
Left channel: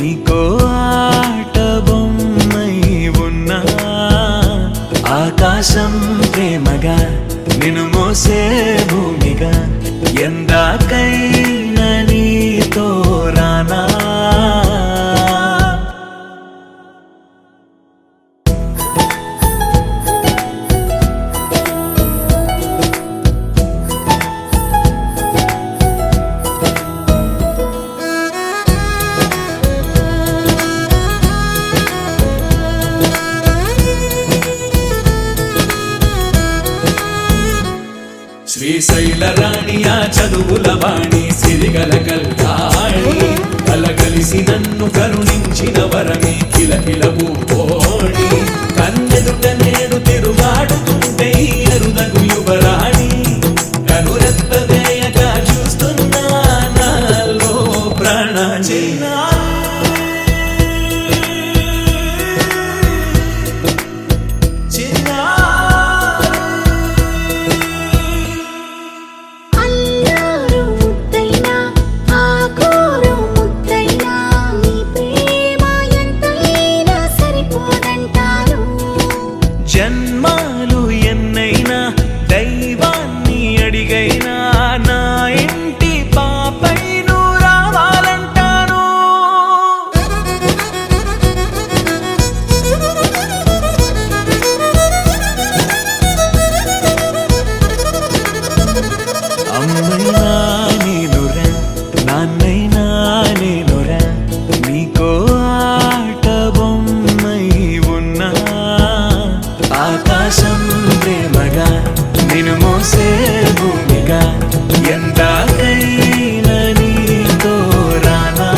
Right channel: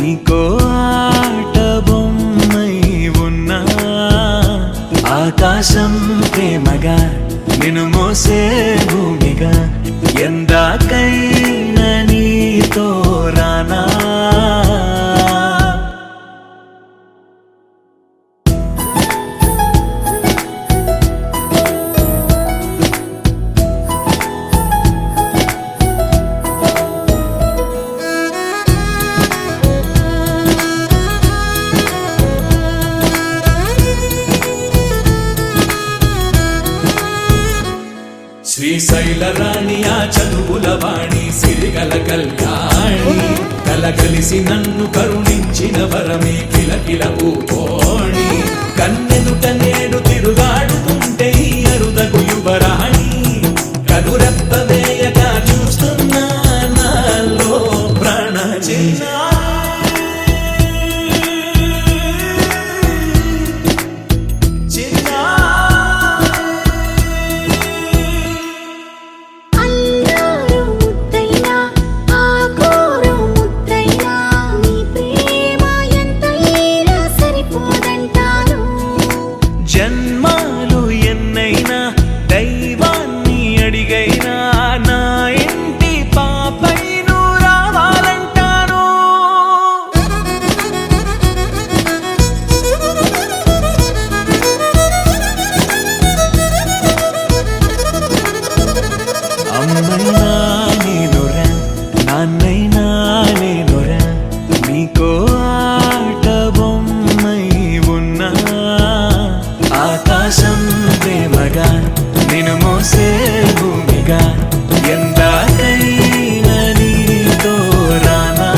నీకో ఆట బొమ్మై ఉన్నా. ఆకాశం ప్రేమగా నిన్ను మోసే భూమిగా ఎందాకైనా నీతో రానా. శ్రీశైల రాణి ఆ చదువుల వాణి సిరిగల కళ్యాణి, కలగలిసి నన్ను కరుణించిన వరమే కిలకిల పూకోణి. కన్నెదుట నేడు తిరుగాడుతుంటే అరుదకు యువరాణి, కనురెప్ప వేయక చూస్తున్నా నాలో ప్రాణ. అల్లారు ముద్దైనా ఆకూరు ముద్దైనా మోసే భూమిగా ఎందాకైనా నీతో రానా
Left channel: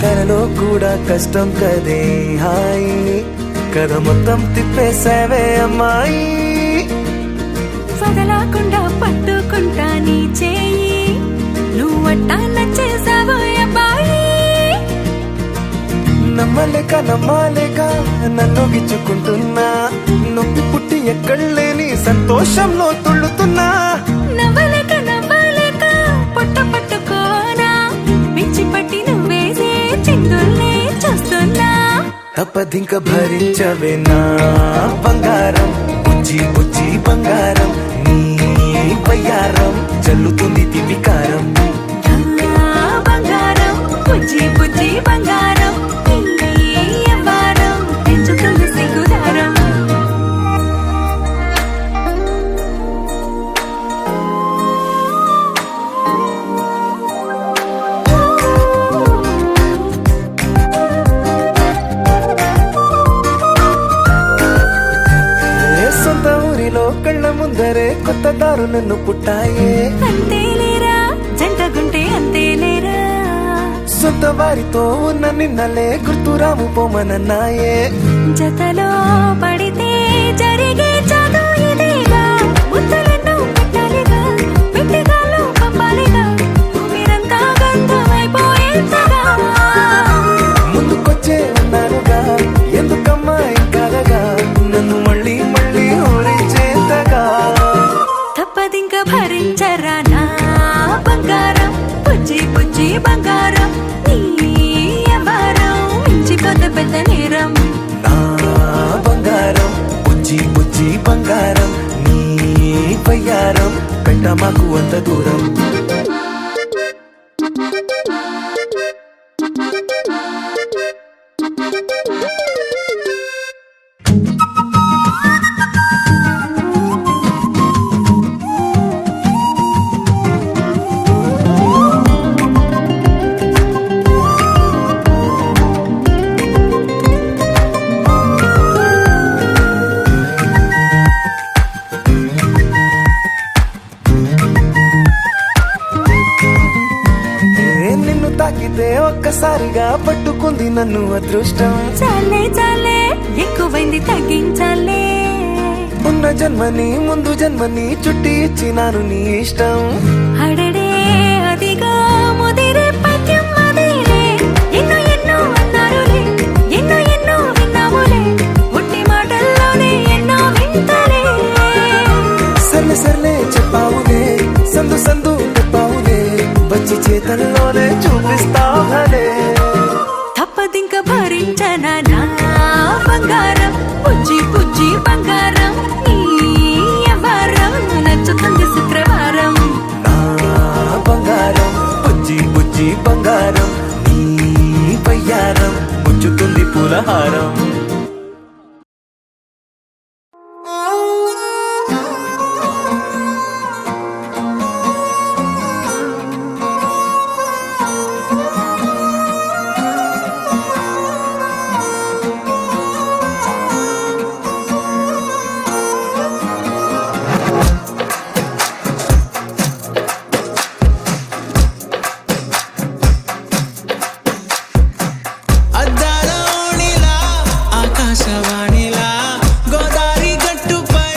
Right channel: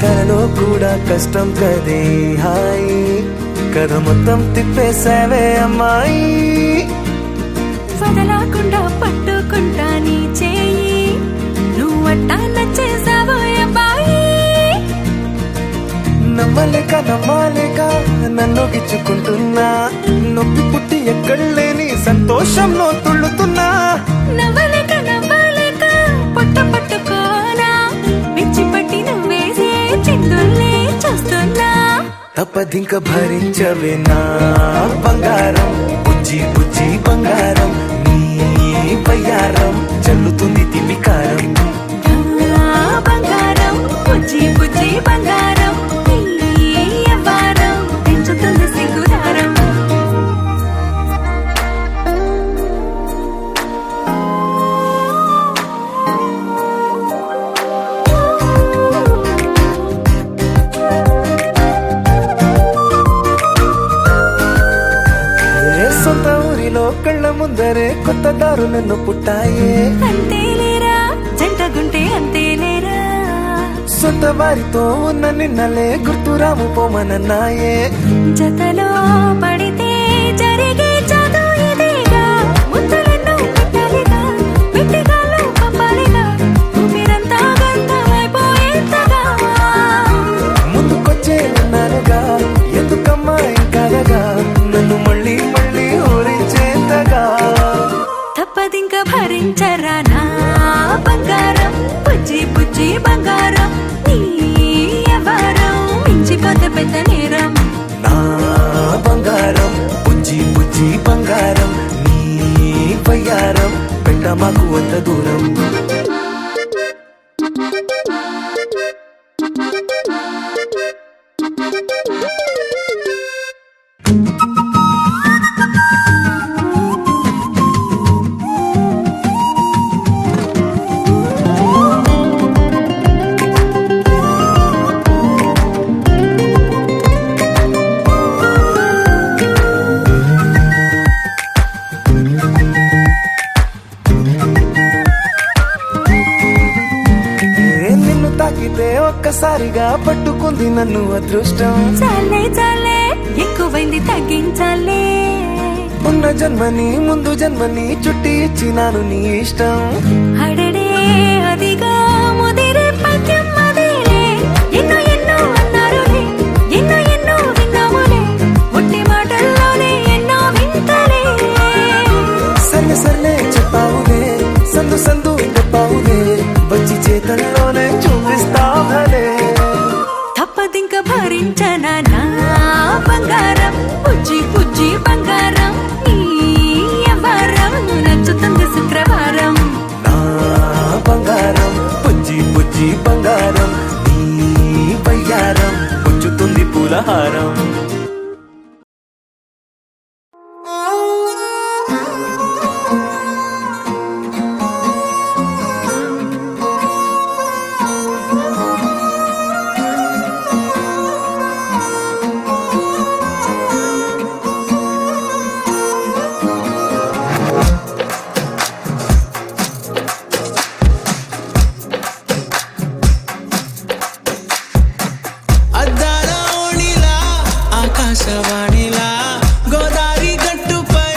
కలలో కూడా కష్టం కదే హాయి కథ మొత్తం తిప్పేసావే అమ్మాయి వదలకుండా పట్టుకుంటా నీ చేయి నువ్వట్టా నచ్చేసావో అబ్బాయి నమ్మలేక నన్ను గిచ్చుకుంటున్నా నొప్పి పుట్టి ఎక్కడలేని సంతోషంలో తుళ్ళుతున్నా నవ్వలేక పొట్ట పట్టుకోనా పిచ్చి పట్టి నువ్వేసే చిందుల్ని చూస్తున్నా తప్పదింక భరించవే నా బంగారం బుజ్జి బుజ్జి బంగారం నీ బయ్యారం చల్లుతుంది తివికారం బంగారం బుజ్జి బుజ్జి బంగారం ఎవ్వారం పెంచుతుంది సిగ్గుదారం సొంత ఊరిలో కళ్ళ ముందరే కొత్త దారులను పుట్టాయే అంతేలేరా జంటగుంటే అంతేలేరా సొంత వారితో ఉన్న నిన్నలే గుర్తురాము పోమనన్నాయే జతలో పడితే జరిగే చదు ఇదేగా ముద్దలెన్నో పెట్టాలిగా పెట్టిగాల్లో పంపాలిగా ఊపిరంతా గంధమైపోయేంతగా ముందుకొచ్చే ఉన్నానుగా ఎందుకమ్మా ఇంకాదగా నన్ను మళ్ళీ ఊరించేంతగా తప్పదింక భరించరా నా బంగారం బుజ్జి బుజ్జి బంగారం నీ ఎవరం మించిపోతే పెద్ద నేరం నా బంగారం బుజ్జి బుజ్జి బంగారం నీ బయ్యారం పెట్ట మాకు అంత దూరం నిన్ను తాకితే ఒక్కసారిగా పట్టుకుంది నన్ను అదృష్టం చాలే చాలే ఎక్కువైంది తగ్గించాలే ఉన్న జన్మని ముందు జన్మని చుట్టి ఇచ్చినాను నీ ఇష్టం అడడే అదిగా ముదిరే పద్యం అదేలే ఎన్నో ఎన్నో అన్నారులే ఎన్నో విన్నాములే ఒట్టి మాటల్లోనే ఎన్నో వింతలే సర్లే చెప్పావులే సందు చెప్పావులే వచ్చి చేతల్లోనే చూపిస్తావులే తప్పదింక భరించనా నా బంగారం బుజ్జి బుజ్జి బంగారం నీ ఎవరం నచ్చుతుంది శుక్రవారం నా బంగారం బుజ్జి బుజ్జి బంగారం నీ బయ్యారం పుచ్చుతుంది పూలహారం ఆకాశవాణిలా గోదారి గట్టుపై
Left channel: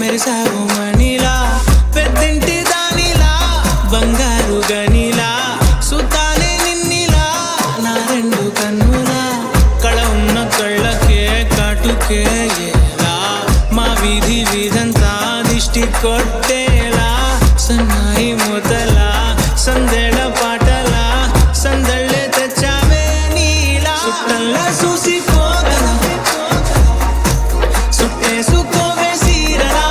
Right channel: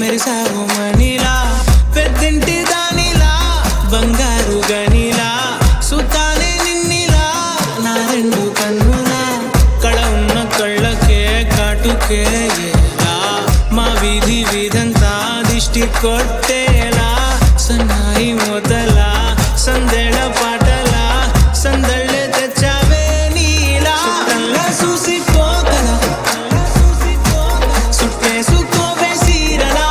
మెరిసావు మణిలా పెద్దింటి దానిలా బంగారు గనిలా సుతానే నిన్నిలా నా రెండు కన్నులా కళ ఉన్న కళ్ళకే కాటుకే ఎలా మా వీధంతా దిష్టి కొట్టేలా సన్నాయి మొదలా సందేళ పాటలా సందళ్ళే తెచ్చావే నీలా సుట్టల్లా చూసిపోగల సుట్టేసుకోవే సీరలా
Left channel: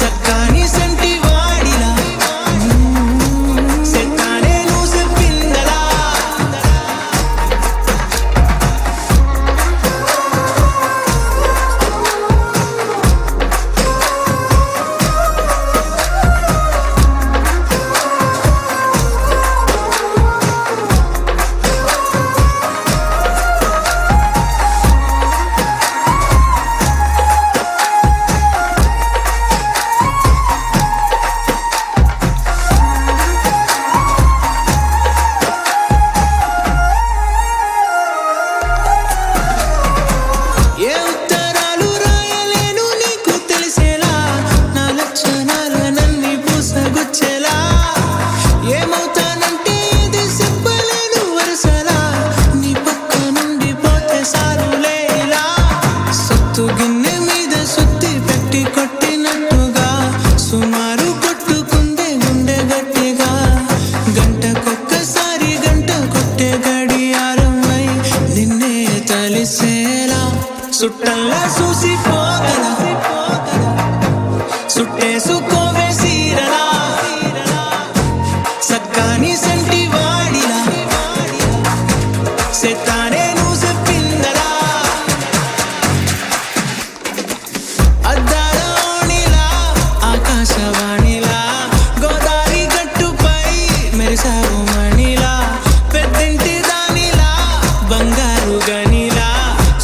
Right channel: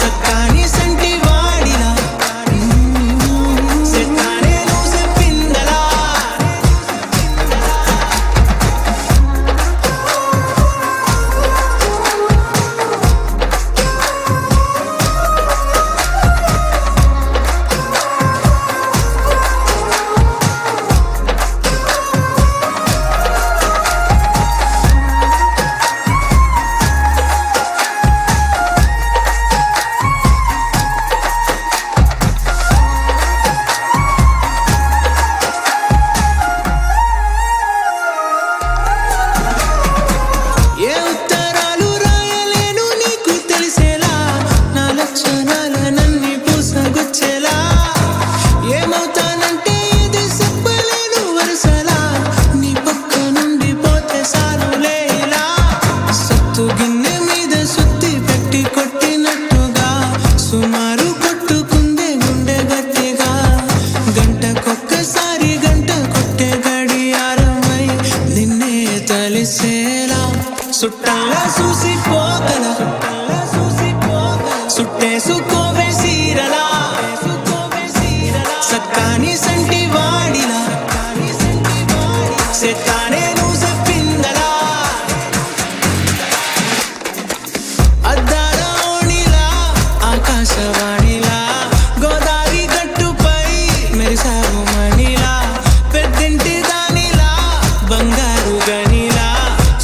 సక్కాని సంటి వాడిలా సెట్టానే నువ్వు చెప్పిందలా లక్షణాలనన్ని పూసగుచ్చేలా ఏమవుతానంటే ఇది చెప్పలేను వరుసలా నీ పక్క నుండి పోతే సారులే ఇలా సత్తు గిన్నె మీద సుత్తి పెట్టి కొట్టినట్టుగా సుమారు కొట్టుకుందే గుండె గట్టిగా గంటకొక్కసారి గంట కొట్టే గడియారమై నిన్నే తలిసేలా సుట్టల్లా చూసిపోగల సుట్టేసుకోవే సీరలా సక్కాని సంటి వాడిలా సెత్తానే నువ్వు చెప్పిందలా అద్దాల ఓణిలా ఆకాశవాణిలా గోదారి గట్టుపై మెరిసావు మణిలా పెద్దింటి దానిలా బంగారు గనిలా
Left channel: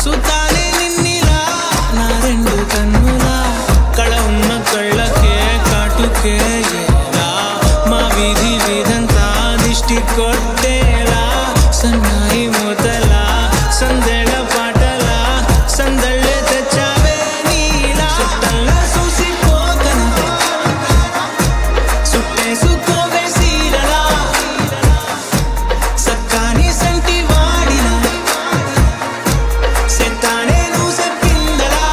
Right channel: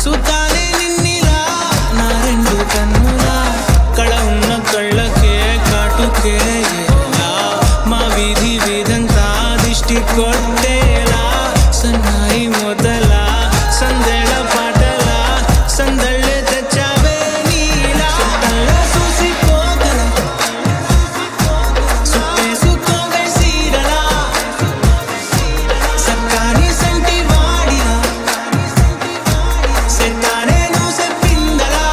సుతానే నిన్నిలా నా రెండు కన్నులా కళ ఉన్న కళ్ళకే కాటుకే ఎలా మా వీధి వీధంతా దిష్టి కొట్టేలా సన్నాయి మొదలా సందెళ పాటలా సందళ్ళే తెచ్చావే నీలా చుట్టల్లా చూసిపోగల సుట్టేసుకోవే సీరలా సక్కాని సంటి వాడిలా సెత్తానే నువ్వు చెప్పిందలా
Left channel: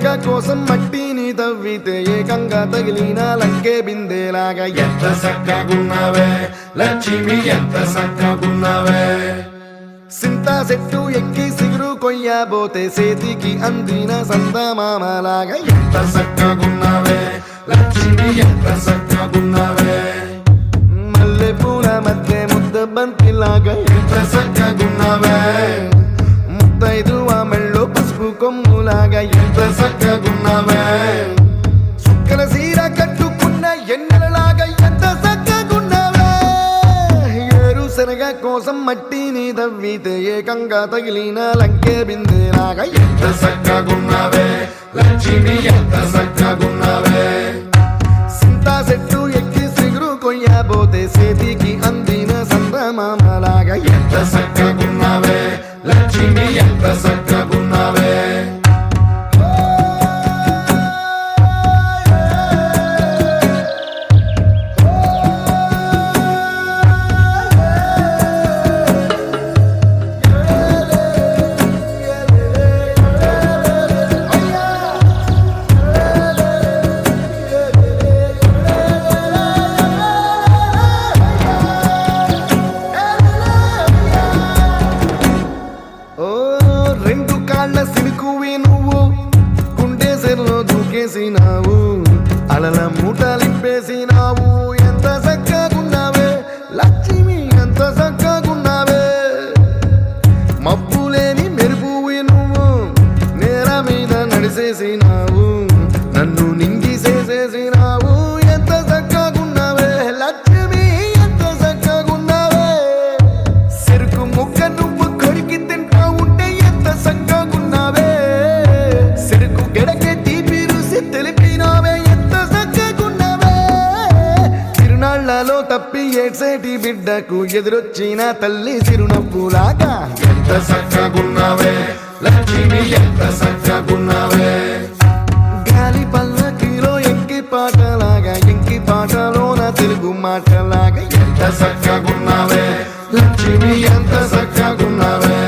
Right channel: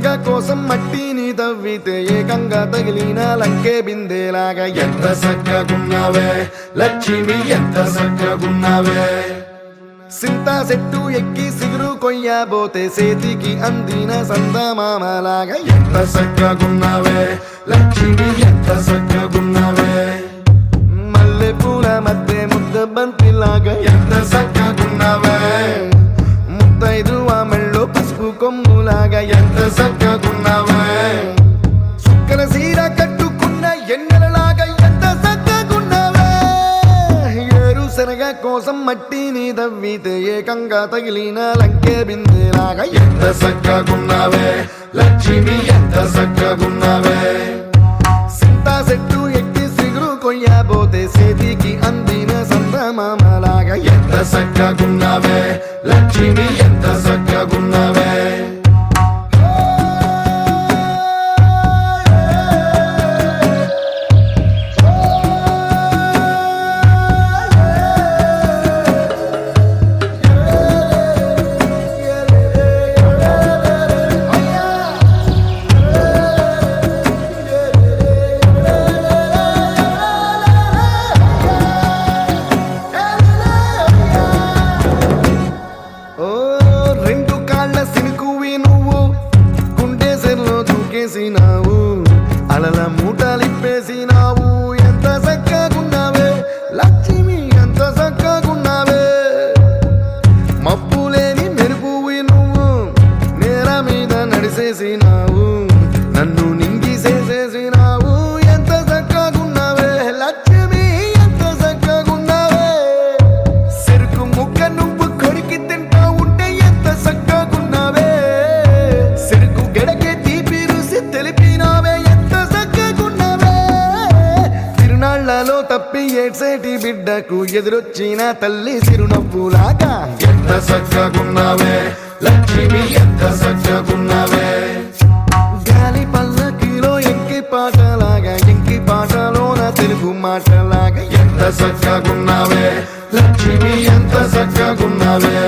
శనగ కోసం మట్టిని తవ్వితే ఏకంగా తగిలిన లంకే బిందేలాగా ఎంత చక్కగున్నావే లక్ష్మి ఎంత చక్కగున్నావే సింతా చెట్టు ఎక్కి సిగురు కొయ్యబోతే చేతికి అందిన సందమామలాగా ఎంత చక్కగున్నావే లక్ష్మి ఎంత చక్కగున్నావే మల్లె పూల మధ్య ముద్ద బంతిలాగా ఎంత చక్కగున్నావే ముద్దైదు ఆ మెళ్ళో పసుపు కొమ్ములాగా ఎంత చక్కగున్నావే చుక్కల సీర కట్టుకున్న ఎన్నెలలాగా ఎంత చక్కగున్నావే ఏరు శనగ కోసం మట్టిని తవ్వితే ఏకంగా తగిలిన లంకే బిందేలాగా ఎంత చక్కగున్నావే లక్ష్మి ఎంత చక్కగున్నావే సింతా చెట్టు ఎక్కి సిగురు కొయ్యబోతే చేతికి అందిన సందమామలాగా ఎంత చక్కగున్నావే లక్ష్మి ఎంత చక్కగున్నావే రెండు కాళ్ళ సినుకువి నువ్వు గుండె సెల్లో దూకేసినావు అలల మూటలిప్పేసినావు ఎంత చక్కగున్నావే లక్ష్మి ఎంత చక్కగున్నావే మబ్బులేని మెరుపువి నువ్వు నేల మీద నడిసేసినావు నన్ను నింగిసేసేసినావు ఎంత చక్కగున్నావే లక్ష్మి ఎంత చక్కగున్నావే చెరుకు ముక్క నువ్వు కొరికి తింటా ఉంటే ఎంత చక్కగున్నావే చెరుకు గెడకే తీపి రుసి తెలిపినావే ఎంత చక్కగున్నావే తిరునాళ్లలో తప్పి ఏడ్సేటి బిడ్డకు ఎదురొచ్చిన తల్లి చిరునవ్వులాగా ఎంత చక్కగున్నావే లక్ష్మి ఎంత చక్కగున్నావే గాలి పల్లకిలో ఎంకి పాటలాగా ఎంకి పాటలోన తెలుగు మాటలాగా ఎంత చక్కగున్నావే లక్ష్మి ఎంత చక్కగున్నావే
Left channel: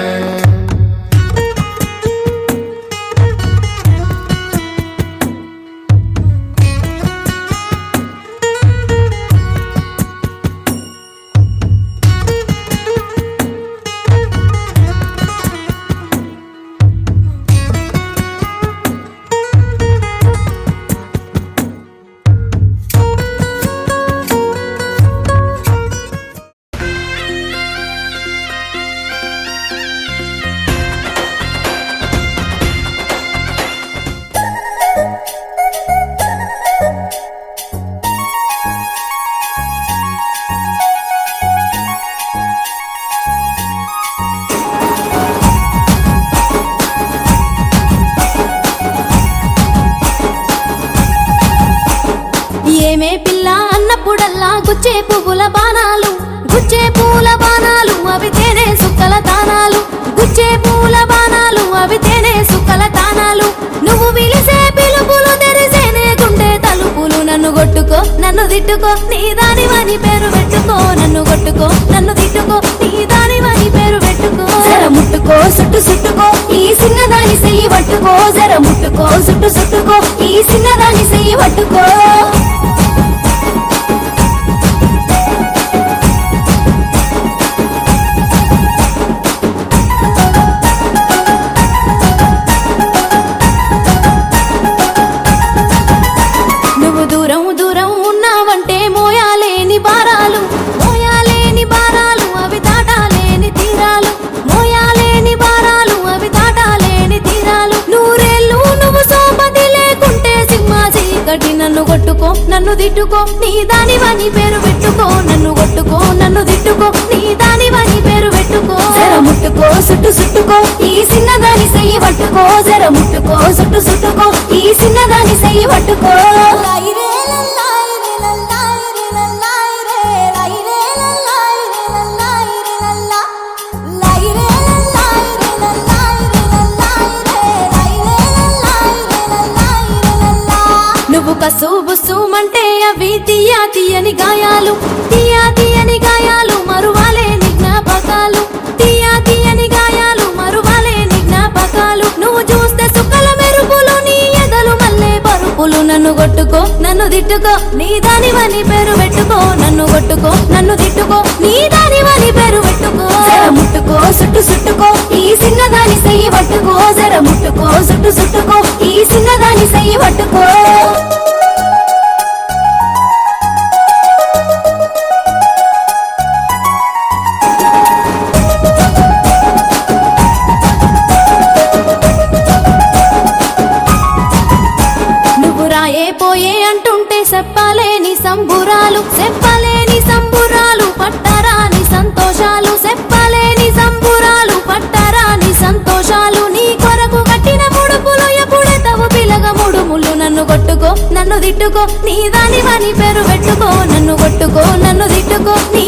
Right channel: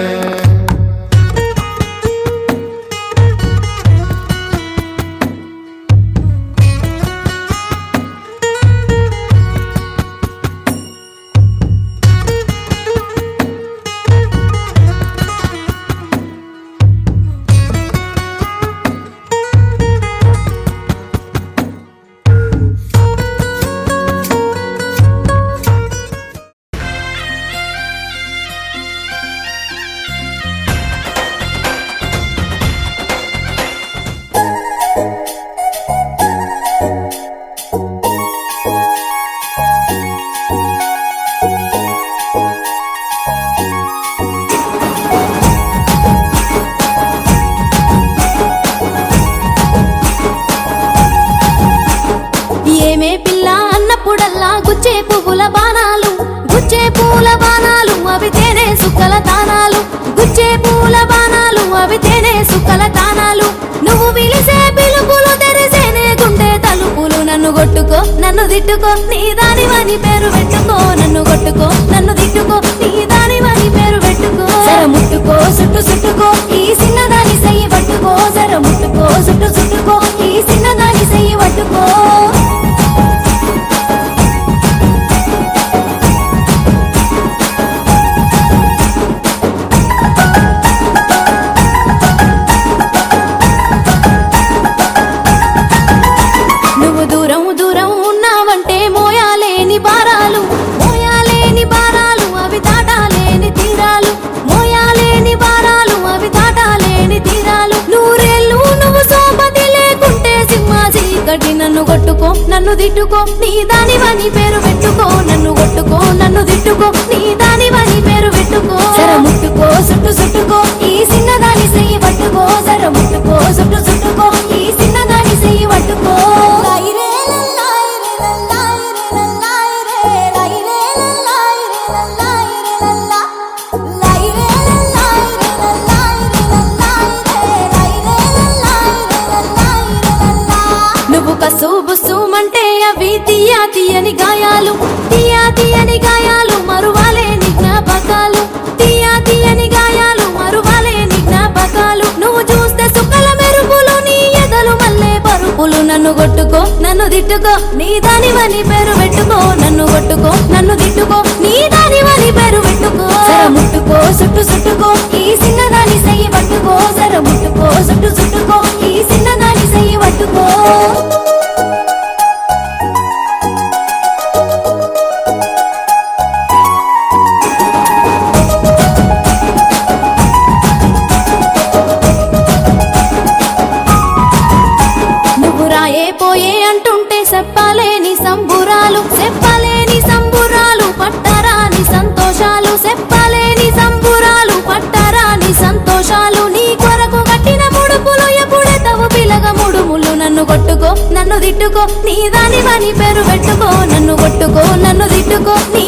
ఏమే పిల్ల అన్నప్పుడల్లా గుచ్చే పువ్వుల బాణాలు గుచ్చే పూల బాణాలు అవి తేనె సుక్కల తానాలు గుచ్చే పూల బాణాలు అవి తేనె సుక్కల తానాలు నువ్వు పిలిసే పిలుపులు తెరిసేనే గుండె తలుపులు నన్ను కొట్టుకో నన్ను తిట్టుకో నీ దానివని పేరు పెట్టుకో నన్ను కొట్టుకో నన్ను తిట్టుకో నీ దానివని పేరు పెట్టుకో జర ముట్టుకో సుట్టు సుట్టుకో ఈ సిన్నదాని సెయ్యి పట్టుకో జర ముట్టుకో సుట్టు సుట్టుకో ఈ సిన్నదాని సెయ్యి పట్టుకో నువ్వు దూరం దూరం ఉన్నావంటే మోయాలేని భారాలు అవి దాటాలేని తీరాలు మోయాలేని భారాలు అవి దాటాలేని తీరాలు నూరేళ్ళు నువ్వు సోపతి లేకుంటే సింహ చీకటి నన్ను కొట్టుకో నన్ను తిట్టుకో నీ దానివని పేరు పెట్టుకో నన్ను కొట్టుకో నన్ను తిట్టుకో నీ దానివని పేరు పెట్టుకో జర ముట్టుకో సుట్టు సుట్టుకో ఈ సిన్నదాని సెయ్యి పట్టుకో జర ముట్టుకో సుట్టు సుట్టుకో ఈ సిన్నదాని సెయ్యి పట్టుకో లైరే లల్లాయి రే లల్లాయి రే లల్లాయి రే లైరే లల్లాయి రే లల్లాయి రే లల్లా లైరే లల్లాయి రే లల్లాయి రే లల్లాయి రే లైరే లల్లాయి రే లల్లాయి రే లల్లా నువ్వు కసుబుసుమంటే అవి తీయా తీయని గాయాలు తీయా తీయని గాయాలు మరువాలేని జ్ఞాపకాలు తీయా తీయని గాయాలు మరువాలేని జ్ఞాపకాలు నువ్వు చూస్తే సుక్కల మెరుపులు నీ కొట్టుకో నన్ను తిట్టుకో నీ దానివని పేరు పెట్టుకో నన్ను కొట్టుకో నన్ను తిట్టుకో నీ దానివని పేరు పెట్టుకో ముట్టుకో సుట్టు సుట్టుకో ఈ చిన్నదాని చెయ్యి పట్టుకో జర ముట్టుకో సుట్టు సుట్టుకో ఈ చిన్నదాని చెయ్యి పట్టుకో నువ్వు రాయే పోయే అంటుంటే చెప్పలేని సంబురాలు చెప్పలేని సంబురాలు పట్టరాని సంతోషాలు చెప్పలేని సంబురాలు పట్టరాని సంతోషాలు నీ కొరకు కట్టిన ముడుపులు ఎప్పుడే తవు పిలగ ముడుములు నన్ను కొట్టుకో నన్ను తిట్టుకో నీ దానివని పేరు పెట్టుకో నన్ను కొట్టుకో నన్ను తిట్టుకో నీ